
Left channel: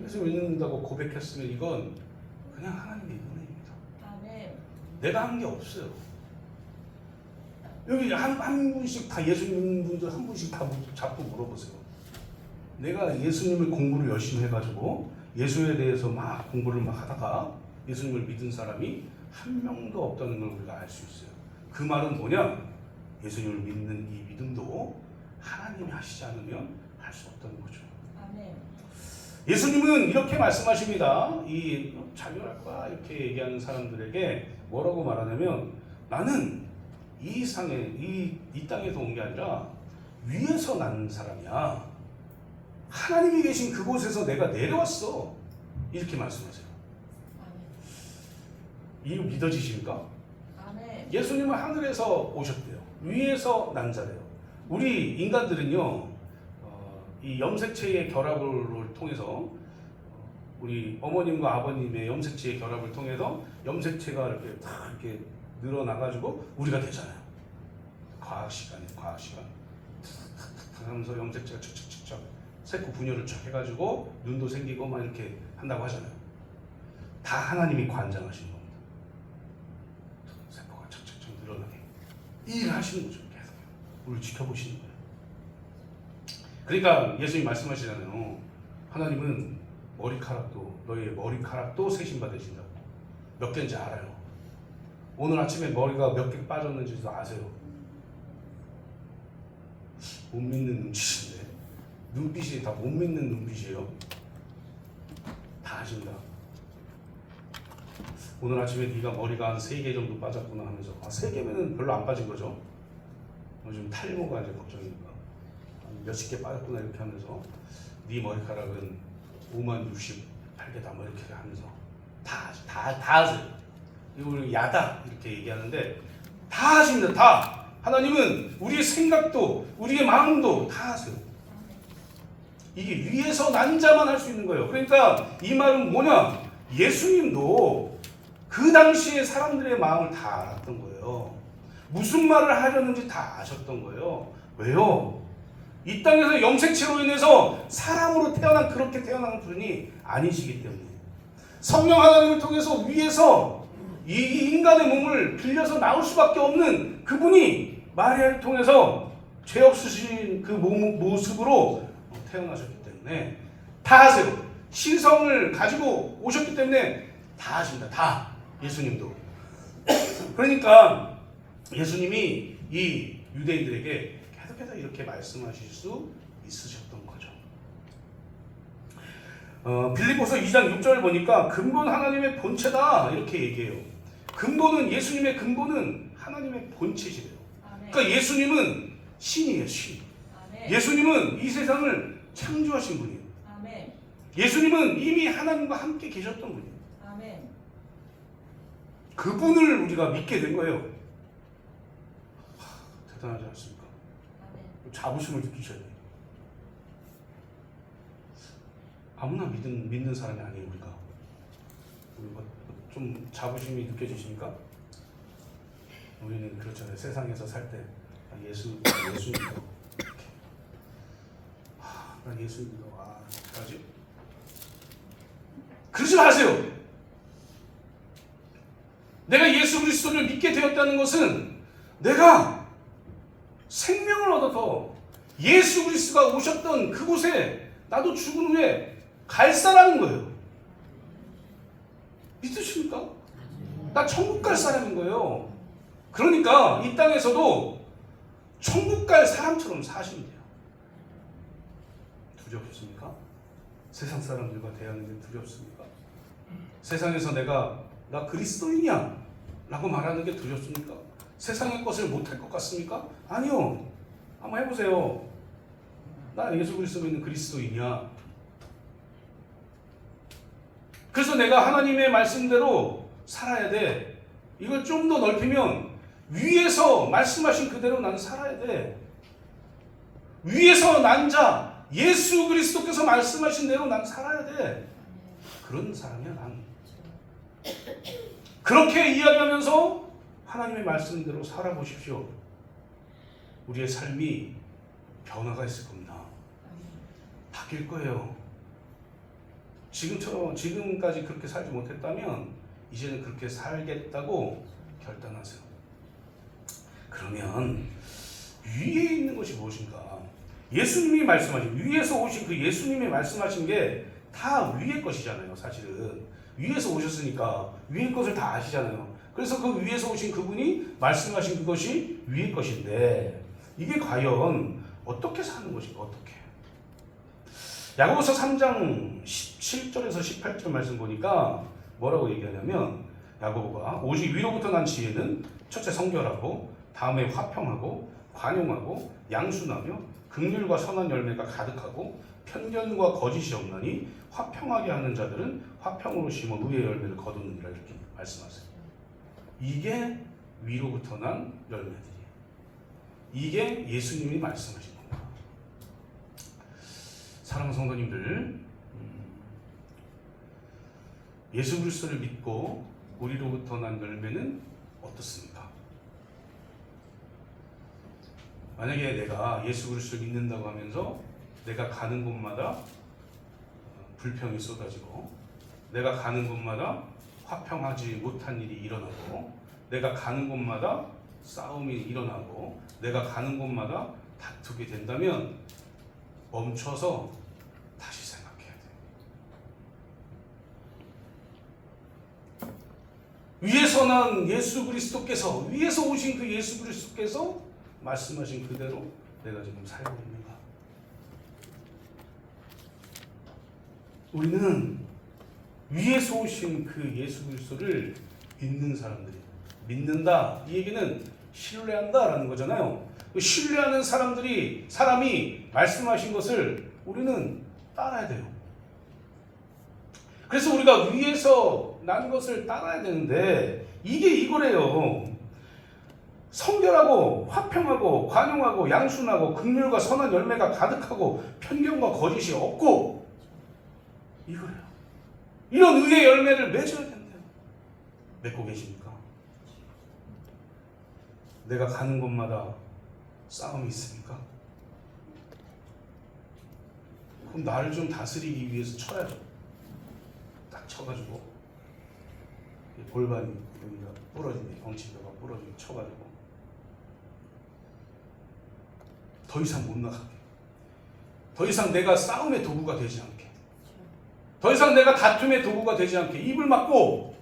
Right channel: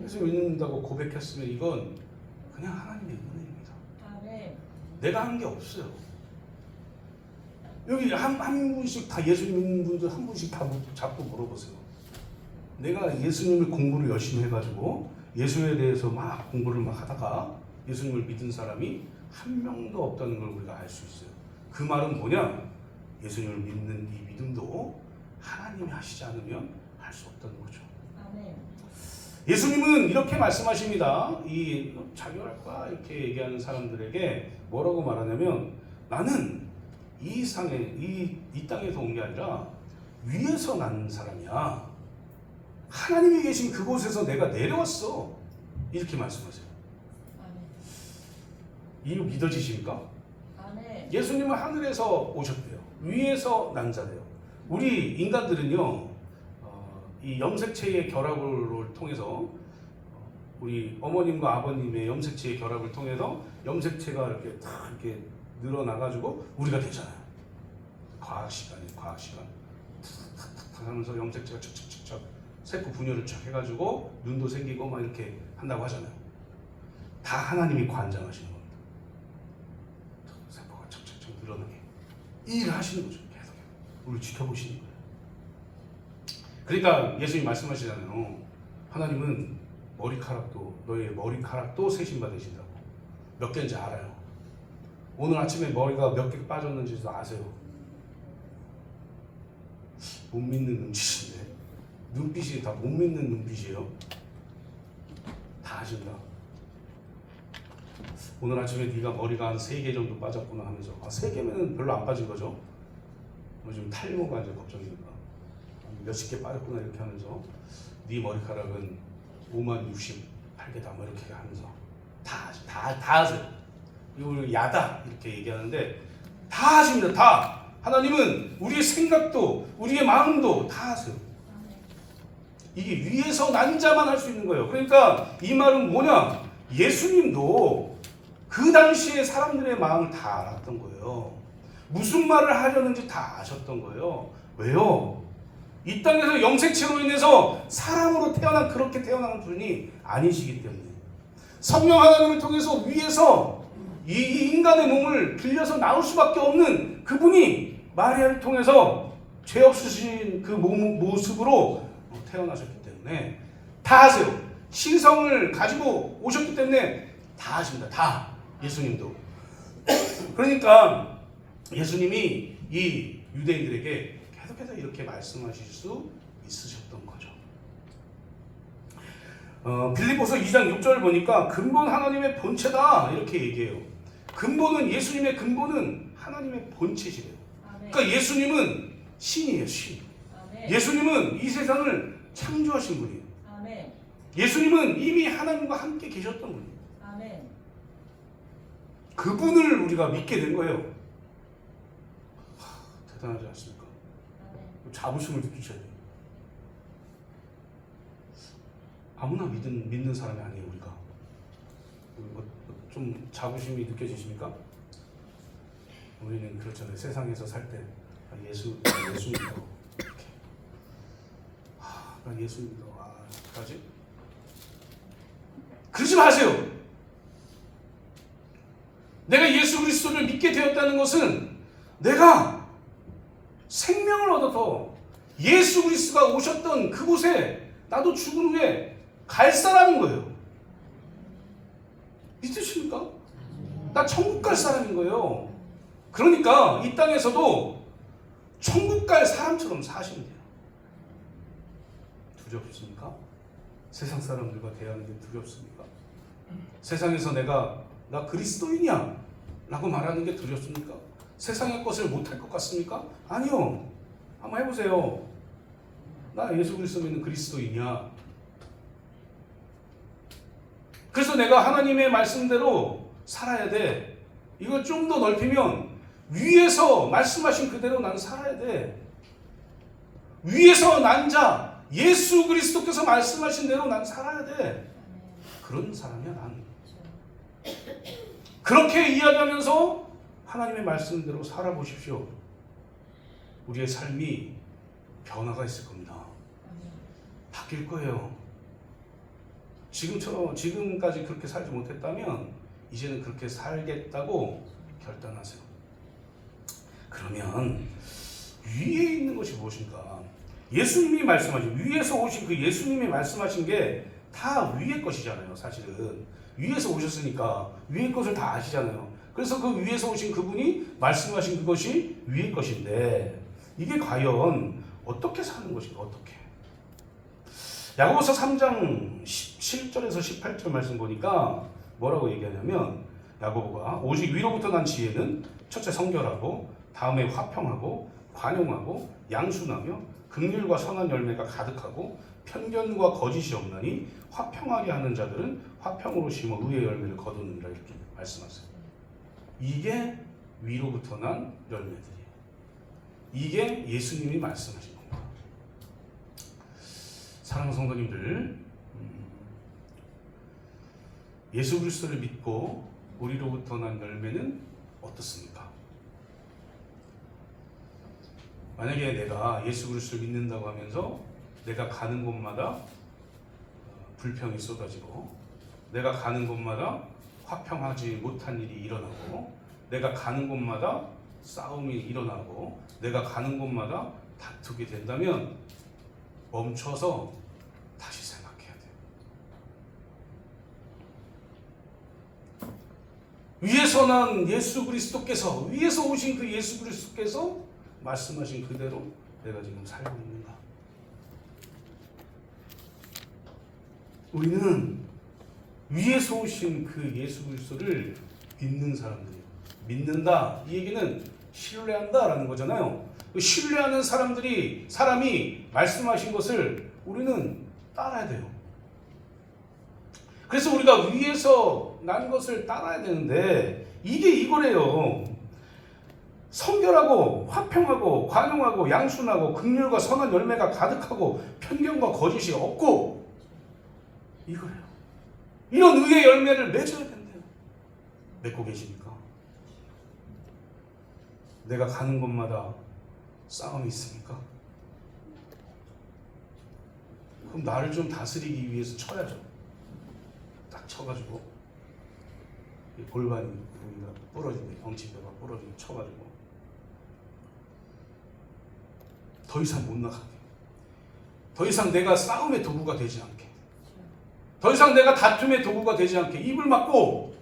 예수님 믿는다고 고백했으면 이건 그냥 하나님의 은혜입니다. 내가 한 게 없어요. 여기 한 분씩 다 예수님 믿는 분들 한 분씩 다 잡고 물어보세요. 내가 예수님을 공부를 열심히 해가지고 예수에 대해서 막 공부를 막 하다가 예수님을 믿은 사람이 한 명도 없다는 걸 우리가 알 수 있어요. 그 말은 뭐냐? 예수님을 믿는 이 믿음도 하나님이 하시지 않으면 할 수 없다는 거죠. 아멘. 예수님은 이렇게 말씀하십니다. 이 자결할까 이렇게 얘기하는 사람들에게 뭐라고 말하냐면 나는 이 땅에서 온 게 아니라 위에서 난 사람이야. 하나님이 계신 그곳에서 내가 내려왔어. 이렇게 말씀하세요. 이거 믿어지십니까? 예수님은 하늘에서 오셨대요. 위에서 난 자래요. 우리 인간들은요, 이 염색체의 결합을 통해서 우리 어머님과 아버님의 염색체의 결합을 통해서 염색체가 이렇게 다 이렇게 늘어나가지고 우리가 되잖아요. 과학 시간. 탁탁탁 하면서 염색체가 척척척척 세포 분열을 척 해가지고 눈도 생기고 막 이렇게 한다고 하잖아요. 다 하나님이 관장하신 겁니다. 세포가 척척척 늘어나게 일을 하시는 거죠. 계속 우리를 지켜보시는 거예요. 그러니까 예수님 말씀하시잖아요. 하나님은 너의 머리카락도 세심받으신다고. 몇 개인지 알아요. 오늘 아침에 머리가 몇 개 빠졌는지도 아세요? 못 믿는 눈빛인데 눈빛이 다 못 믿는 눈빛이에요. 다 아신다. 오늘 아침에 네가 머리가 한 3개 정도 빠졌구나 하면서 3개면은 별로 안 빠진 거죠. 요즘 탈모가 이제 걱정이니까 몇십 개 빠졌구나 이렇게 하면서 네 머리카락은 50,68개다 뭐 이렇게 하면서 다 아세요. 이걸 야다 이렇게 얘기하는데 다 아십니다. 다. 하나님은 우리의 생각도 우리의 마음도 다 아세요. 이게 위에서 난 자만 할 수 있는 거예요. 그러니까 이 말은 뭐냐? 예수님도 그 당시에 사람들의 마음을 다 알았던 거예요. 무슨 말을 하려는지 다 아셨던 거예요. 왜요? 이 땅에서 염색체로 인해서 사람으로 그렇게 태어난 분이 아니시기 때문에 성령 하나님을 통해서 위에서 이 인간의 몸을 빌려서 나올 수밖에 없는 그분이 마리아를 통해서 죄 없으신 그 모습으로 태어나셨기 때문에 다 아세요. 신성을 가지고 오셨기 때문에 다 아십니다. 다. 예수님도. 그러니까 예수님이 이 유대인들에게 계속해서 이렇게 말씀하실 수 있으셨던 거죠. 빌립보서 2장 6절 보니까 근본 하나님의 본체다 이렇게 얘기해요. 예수님의 근본은 하나님의 본체시래요. 그러니까 예수님은 신이에요, 신. 아멘. 예수님은 이 세상을 창조하신 분이에요. 아멘. 예수님은 이미 하나님과 함께 계셨던 분이에요. 아멘. 그분을 우리가 믿게 된 거예요. 대단하지 않습니까? 아멘. 자부심을 느끼셔야 돼요. 아무나 믿는 사람이 아니에요, 우리가. 좀 자부심이 느껴지십니까? 우리는 그렇잖아요. 세상에서 살 때 예수 믿어 이렇게. 난 예수 믿어. 그러지? 그러지 마세요. 내가 예수 그리스도를 믿게 되었다는 것은 내가 생명을 얻어서 예수 그리스도가 오셨던 그곳에 나도 죽은 후에 갈 사람인 거예요. 믿으십니까? 나 천국 갈 사람인 거예요. 그러니까 이 땅에서도 천국 갈 사람처럼 사시면 돼요. 두렵습니까? 세상 사람들과 대하는 게 두렵습니까? 세상에서 나 그리스도인이야 라고 말하는 게 두렵습니까? 세상의 것을 못할 것 같습니까? 아니요. 한번 해보세요. 나 예수 그리스도 믿는 그리스도인이야. 그래서 내가 하나님의 말씀대로 살아야 돼. 이걸 좀 더 넓히면 위에서 말씀하신 그대로 나는 살아야 돼. 위에서 난 자 예수 그리스도께서 말씀하신 대로 난 살아야 돼. 그런 사람이야 나는. 그렇게 이야기하면서 하나님의 말씀대로 살아보십시오. 우리의 삶이 변화가 있을 겁니다. 바뀔 거예요. 지금까지 그렇게 살지 못했다면 이제는 그렇게 살겠다고 결단하세요. 그러면 위에 있는 것이 무엇인가? 예수님이 말씀하신, 위에서 오신 그 예수님이 말씀하신 게 다 위의 것이잖아요. 사실은 위에서 오셨으니까 위의 것을 다 아시잖아요. 그래서 그 위에서 오신 그분이 말씀하신 그것이 위의 것인데 이게 과연 어떻게 사는 것인가? 어떻게? 야고보서 3장 17절에서 18절 말씀 보니까 뭐라고 얘기하냐면, 야고보가 오직 위로부터 난 지혜는 첫째 성결하고 다음에 화평하고 관용하고 양순하며 긍휼과 선한 열매가 가득하고 편견과 거짓이 없나니 화평하게 하는 자들은 화평으로 심어 의의 열매를 거두느니라 이렇게 말씀하세요. 이게 위로부터 난 열매들이에요. 이게 예수님이 말씀하신 겁니다. 사랑하는 성도님들, 예수 그리스도를 믿고 우리로부터 난 열매는 어떻습니까? 만약에 내가 예수 그리스도를 믿는다고 하면서 내가 가는 곳마다 불평이 쏟아지고, 내가 가는 곳마다 화평하지 못한 일이 일어나고, 내가 가는 곳마다 싸움이 일어나고, 내가 가는 곳마다 다투게 된다면 멈춰서 다시 생각해야 돼요. 위에서 난 예수 그리스도께서, 위에서 오신 그 예수 그리스도께서 말씀하신 그대로 내가 지금 살고 있는가? 우리는 위에서 오신 그 예수 그리스도를 믿는 사람들이에요. 믿는다, 이 얘기는 신뢰한다라는 거잖아요. 신뢰하는 사람이 말씀하신 것을 우리는 따라야 돼요. 그래서 우리가 위에서 난 것을 따라야 되는데 이게 이거래요. 성결하고 화평하고 관용하고 양순하고 긍휼과 선한 열매가 가득하고 편견과 거짓이 없고, 이거래요. 이런 의의 열매를 맺어야 된대요. 맺고 계십니까? 내가 가는 곳마다 싸움이 있습니까? 그럼 나를 좀 다스리기 위해서 쳐야죠. 딱 쳐가지고 골반이 여기가 부러지네, 엉치뼈가 부러지고 쳐가지고 더 이상 못 나가게, 더 이상 내가 싸움의 도구가 되지 않게, 더 이상 내가 다툼의 도구가 되지 않게 입을 막고,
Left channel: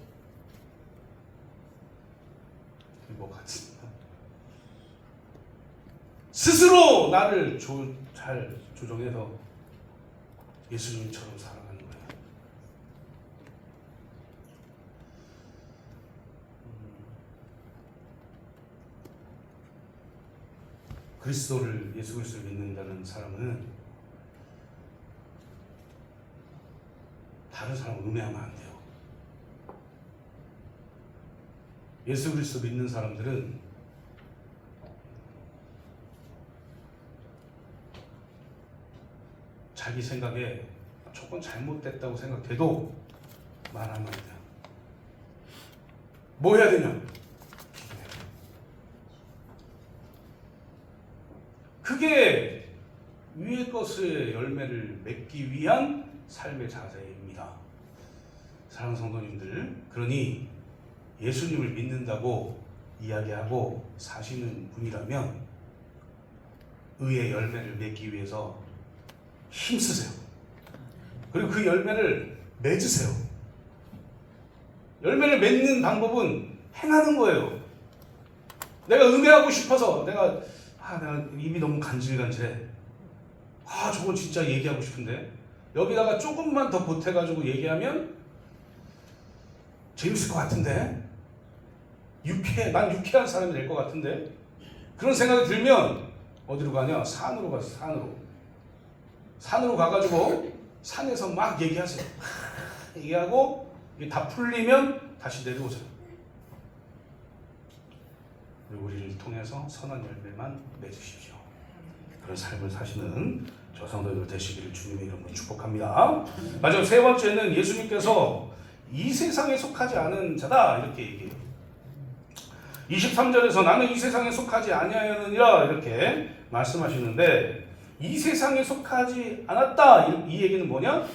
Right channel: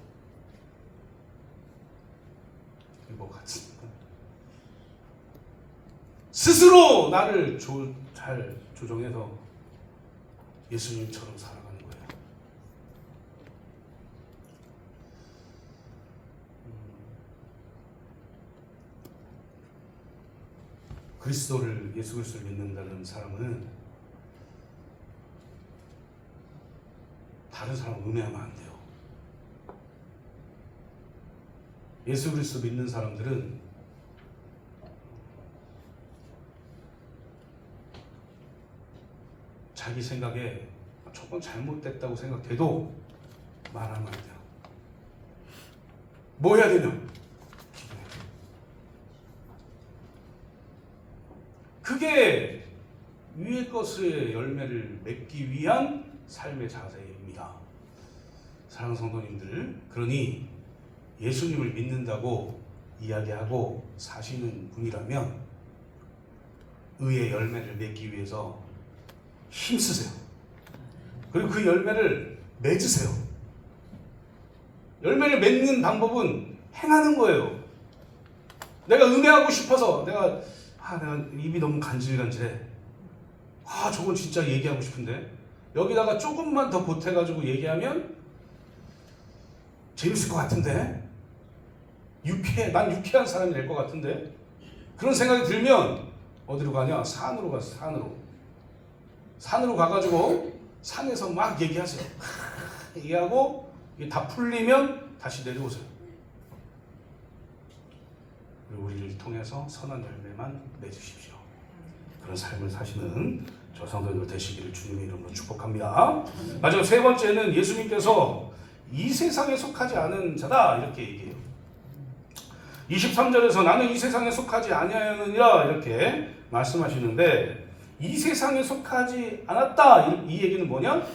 이거 같습니다. 스스로 나를 잘 조정해서 예수님처럼 살아가는 거예요. 예수 그리스도를 믿는다는 사람은 다른 사람 음해하면 안 돼요. 예수 그리스도 믿는 사람들은 자기 생각에 조금 잘못됐다고 생각돼도 말하면 안 돼요. 뭐 해야 되냐? 기도해요. 그게 위의 것의 열매를 맺기 위한 삶의 자세입니다. 사랑하는 성도님들, 그러니 예수님을 믿는다고 이야기하고 사시는 분이라면 의의 열매를 맺기 위해서 힘쓰세요. 그리고 그 열매를 맺으세요. 열매를 맺는 방법은 행하는 거예요. 내가 음해하고 싶어서 내가 입이 너무 간질간질해. 저거 진짜 얘기하고 싶은데 여기다가 조금만 더 보태가지고 얘기하면 재밌을 것 같은데 난 유쾌한 사람이 될 것 같은데 그런 생각이 들면 어디로 가냐? 산으로 가서 산으로 가가지고 산에서 막 얘기하세요. 얘기하고 다 풀리면 다시 내려오세요. 우리를 통해서 선한 열매만 맺으십시오. 그런 삶을 사시는 저 성도들 되시기를 주님의 이름으로 축복합니다. 마지막 세 번째는 예수님께서 이 세상에 속하지 않은 자다 이렇게 얘기해요. 23절에서 나는 이 세상에 속하지 아니하느니라 이렇게 말씀하시는데 이 세상에 속하지 않았다 이 얘기는 뭐냐?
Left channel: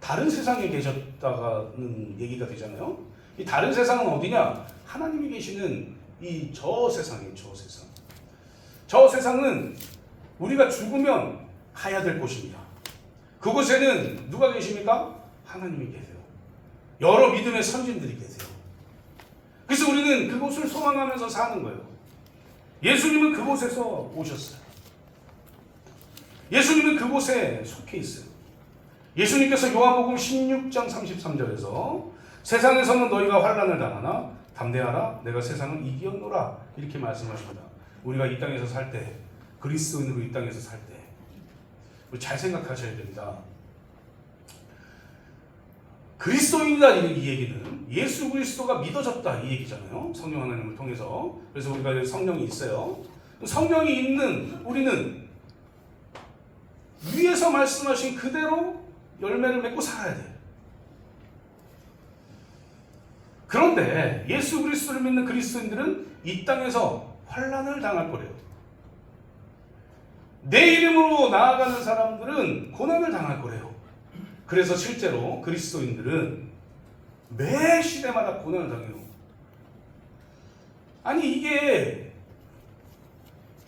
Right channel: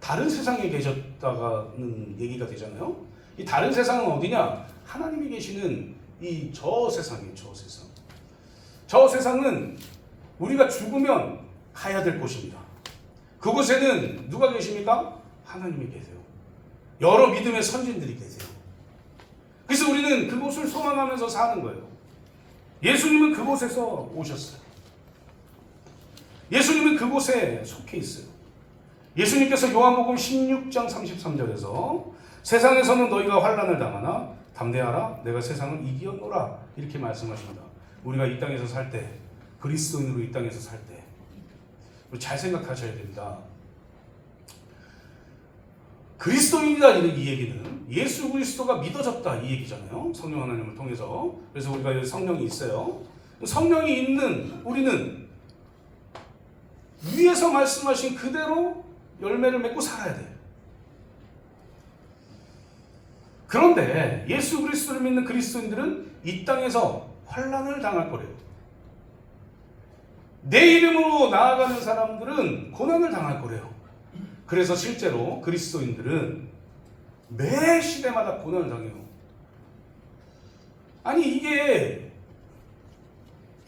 다른 세상에 계셨다는 얘기가 되잖아요. 이 다른 세상은 어디냐? 하나님이 계시는 이 저 세상이에요. 저 세상은 우리가 죽으면 가야 될 곳입니다. 그곳에는 누가 계십니까? 하나님이 계세요. 여러 믿음의 선진들이 계세요. 그래서 우리는 그곳을 소망하면서 사는 거예요. 예수님은 그곳에서 오셨어요. 예수님은 그곳에 속해 있어요. 예수님께서 요한복음 16장 33절에서 세상에서는 너희가 환난을 당하나 담대하라 내가 세상을 이기었노라 이렇게 말씀하십니다. 우리가 이 땅에서 살 때 그리스도인으로 이 땅에서 살 때 잘 생각하셔야 됩니다. 그리스도인이다 이 얘기는 예수 그리스도가 믿어졌다 이 얘기잖아요. 성령 하나님을 통해서. 그래서 우리가 성령이 있어요. 성령이 있는 우리는 위에서 말씀하신 그대로 열매를 맺고 살아야 돼요. 그런데 예수 그리스도를 믿는 그리스도인들은 이 땅에서 환난을 당할 거래요. 내 이름으로 나아가는 사람들은 고난을 당할 거래요. 그래서 실제로 그리스도인들은 매 시대마다 고난을 당해요. 아니 이게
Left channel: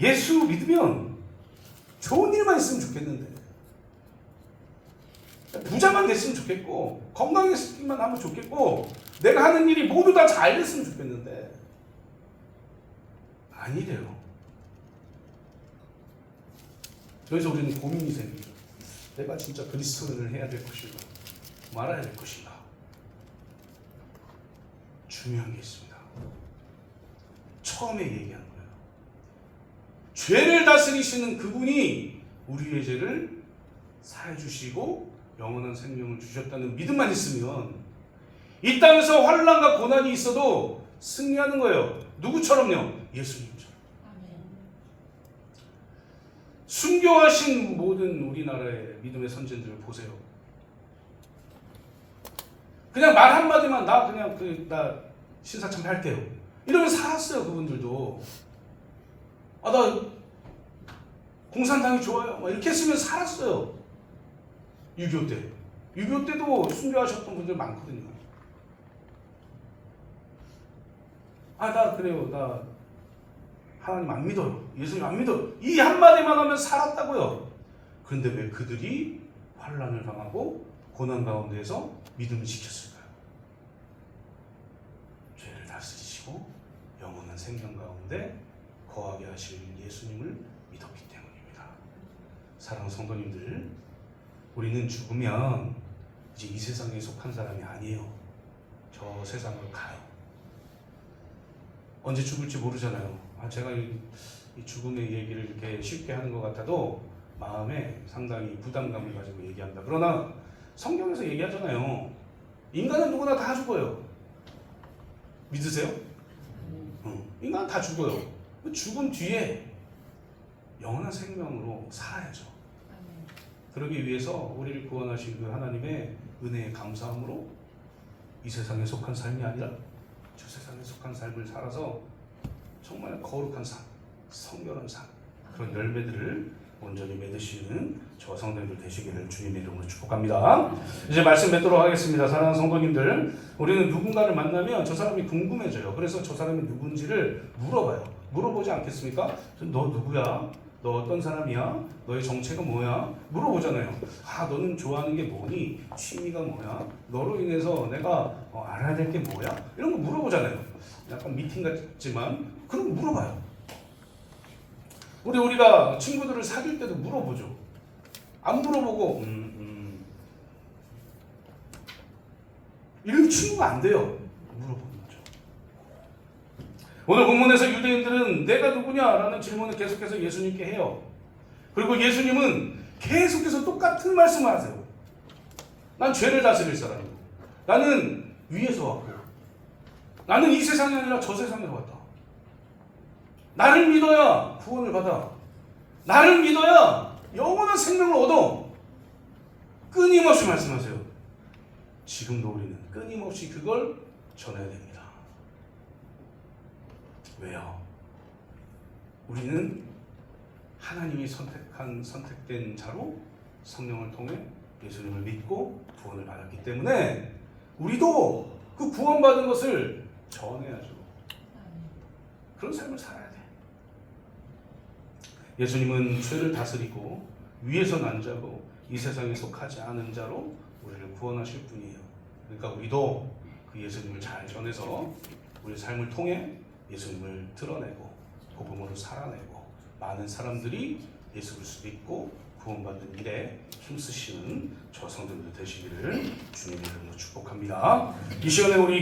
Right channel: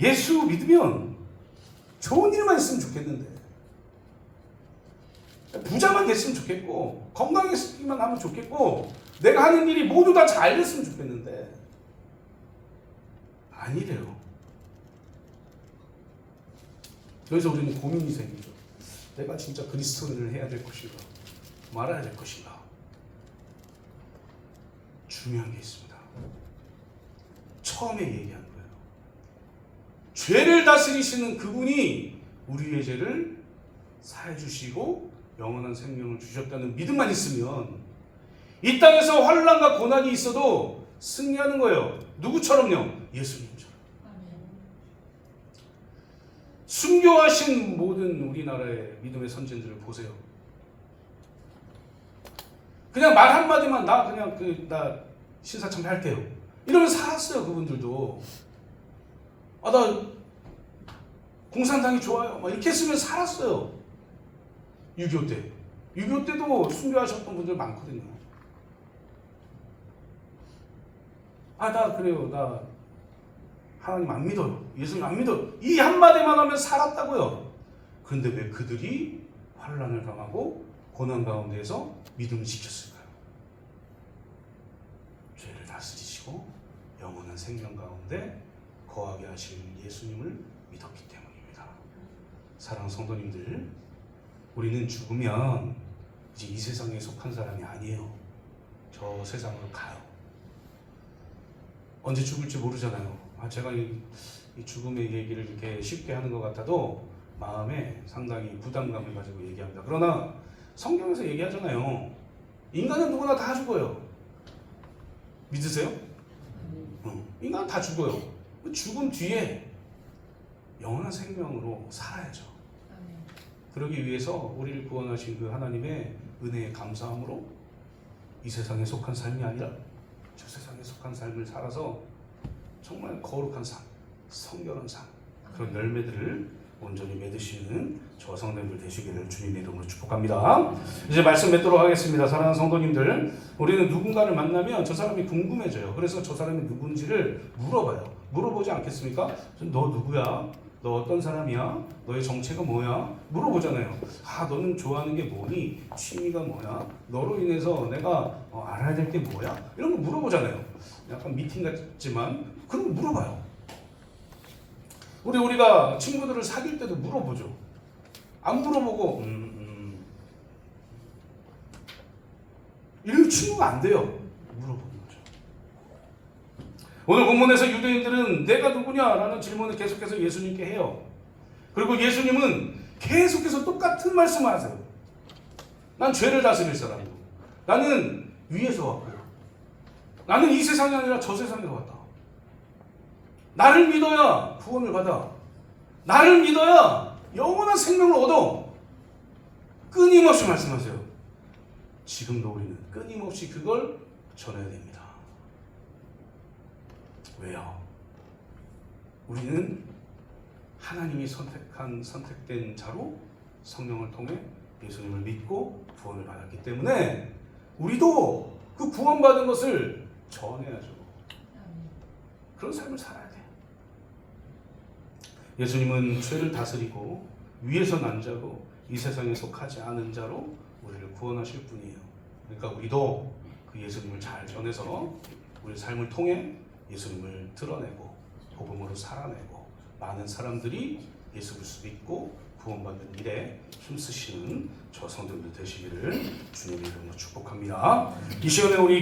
예수 믿으면 좋은 일만 있으면 좋겠는데 부자만 됐으면 좋겠고 건강했기만 하면 좋겠고 내가 하는 일이 모두 다 잘 됐으면 좋겠는데 아니래요. 그래서 우리는 고민이 생기죠. 내가 진짜 그리스도인을 해야 될 것인가 말아야 될 것인가. 중요한 게 있습니다. 처음에 얘기한 거예요. 죄를 다스리시는 그분이 우리의 죄를 사해 주시고 영원한 생명을 주셨다는 믿음만 있으면 이 땅에서 환난과 고난이 있어도 승리하는 거예요. 누구처럼요? 예수님처럼. 순교하신 모든 우리나라의 믿음의 선진들을 보세요. 그냥 말 한마디만 나 신사참배 할게요. 이러면 살았어요. 그분들도. 나 공산당이 좋아요. 이렇게 했으면 살았어요. 6.25 때. 6.25 때도 순교하셨던 분들 많거든요. 나 그래요. 나 하나님 안 믿어요. 예수님 안 믿어요. 이 한마디만 하면 살았다고요. 그런데 왜 그들이 환난을 당하고 고난 가운데에서 믿음을 지켰을까요? 죄를 다스리시고 영원한 생명 가운데 거하게 하실 예수님을 믿었기 때문입니다. 사랑하는 성도님들, 우리는 죽으면 이제 이 세상에 속한 사람이 아니에요. 저 세상으로 가요. 언제 죽을지 모르잖아요. 제가 이 죽음의 얘기를 이렇게 쉽게 하는 것 같아도 마음에 상당히 부담감을 가지고 얘기한다. 그러나 성경에서 얘기하잖아요. 인간은 누구나 다 죽어요. 믿으세요? 인간은 다 죽어요. 죽은 뒤에 영원한 생명으로 살아야죠. 그러기 위해서 우리를 구원하신 그 하나님의 은혜에 감사함으로 이 세상에 속한 삶이 아니라 저 세상에 속한 삶을 살아서 정말 거룩한 삶, 성결한 삶, 그런 열매들을 온전히 맺으시는 저와 성도님들 되시기를 주님의 이름으로 축복합니다. 이제 말씀 맺도록 하겠습니다. 사랑하는 성도님들, 우리는 누군가를 만나면 저 사람이 궁금해져요. 그래서 저 사람이 누군지를 물어봐요. 물어보지 않겠습니까? 너 누구야? 너 어떤 사람이야? 너의 정체가 뭐야? 물어보잖아요. 아, 너는 좋아하는 게 뭐니? 취미가 뭐야? 너로 인해서 내가 알아야 될 게 뭐야? 이런 거 물어보잖아요. 약간 미팅 같지만 그런 거 물어봐요. 우리가 친구들을 사귈 때도 물어보죠. 안 물어보고 이런 친구가 안 돼요. 물어보는 거죠. 오늘 본문에서 유대인들은 내가 누구냐라는 질문을 계속해서 예수님께 해요. 그리고 예수님은 계속해서 똑같은 말씀을 하세요. 난 죄를 다스릴 사람이고, 나는 위에서 왔고, 나는 이 세상이 아니라 저 세상에서 왔다. 나를 믿어야 구원을 받아. 나를 믿어야 영원한 생명을 얻어. 끊임없이 말씀하세요. 지금도 우리는 끊임없이 그걸 전해야 됩니다. 왜요? 우리는 하나님이 선택된 자로 성령을 통해 예수님을 믿고 구원을 받았기 때문에 우리도 그 구원받은 것을 전해야죠. 그런 삶을 살아야 돼요. 예수님은 죄를 다스리고 위에서 난 자고 이 세상에 속하지 않은 자로 우리를 구원하실 분이에요. 그러니까 우리도 그 예수님을 잘 전해서 우리 삶을 통해 예수님을 드러내고 복음으로 살아내고 많은 사람들이 예수 그리스도 믿고 구원받는 일에 힘쓰시는 저 성도들 되시기를 주님의 이름으로 축복합니다. 이 시간에 우리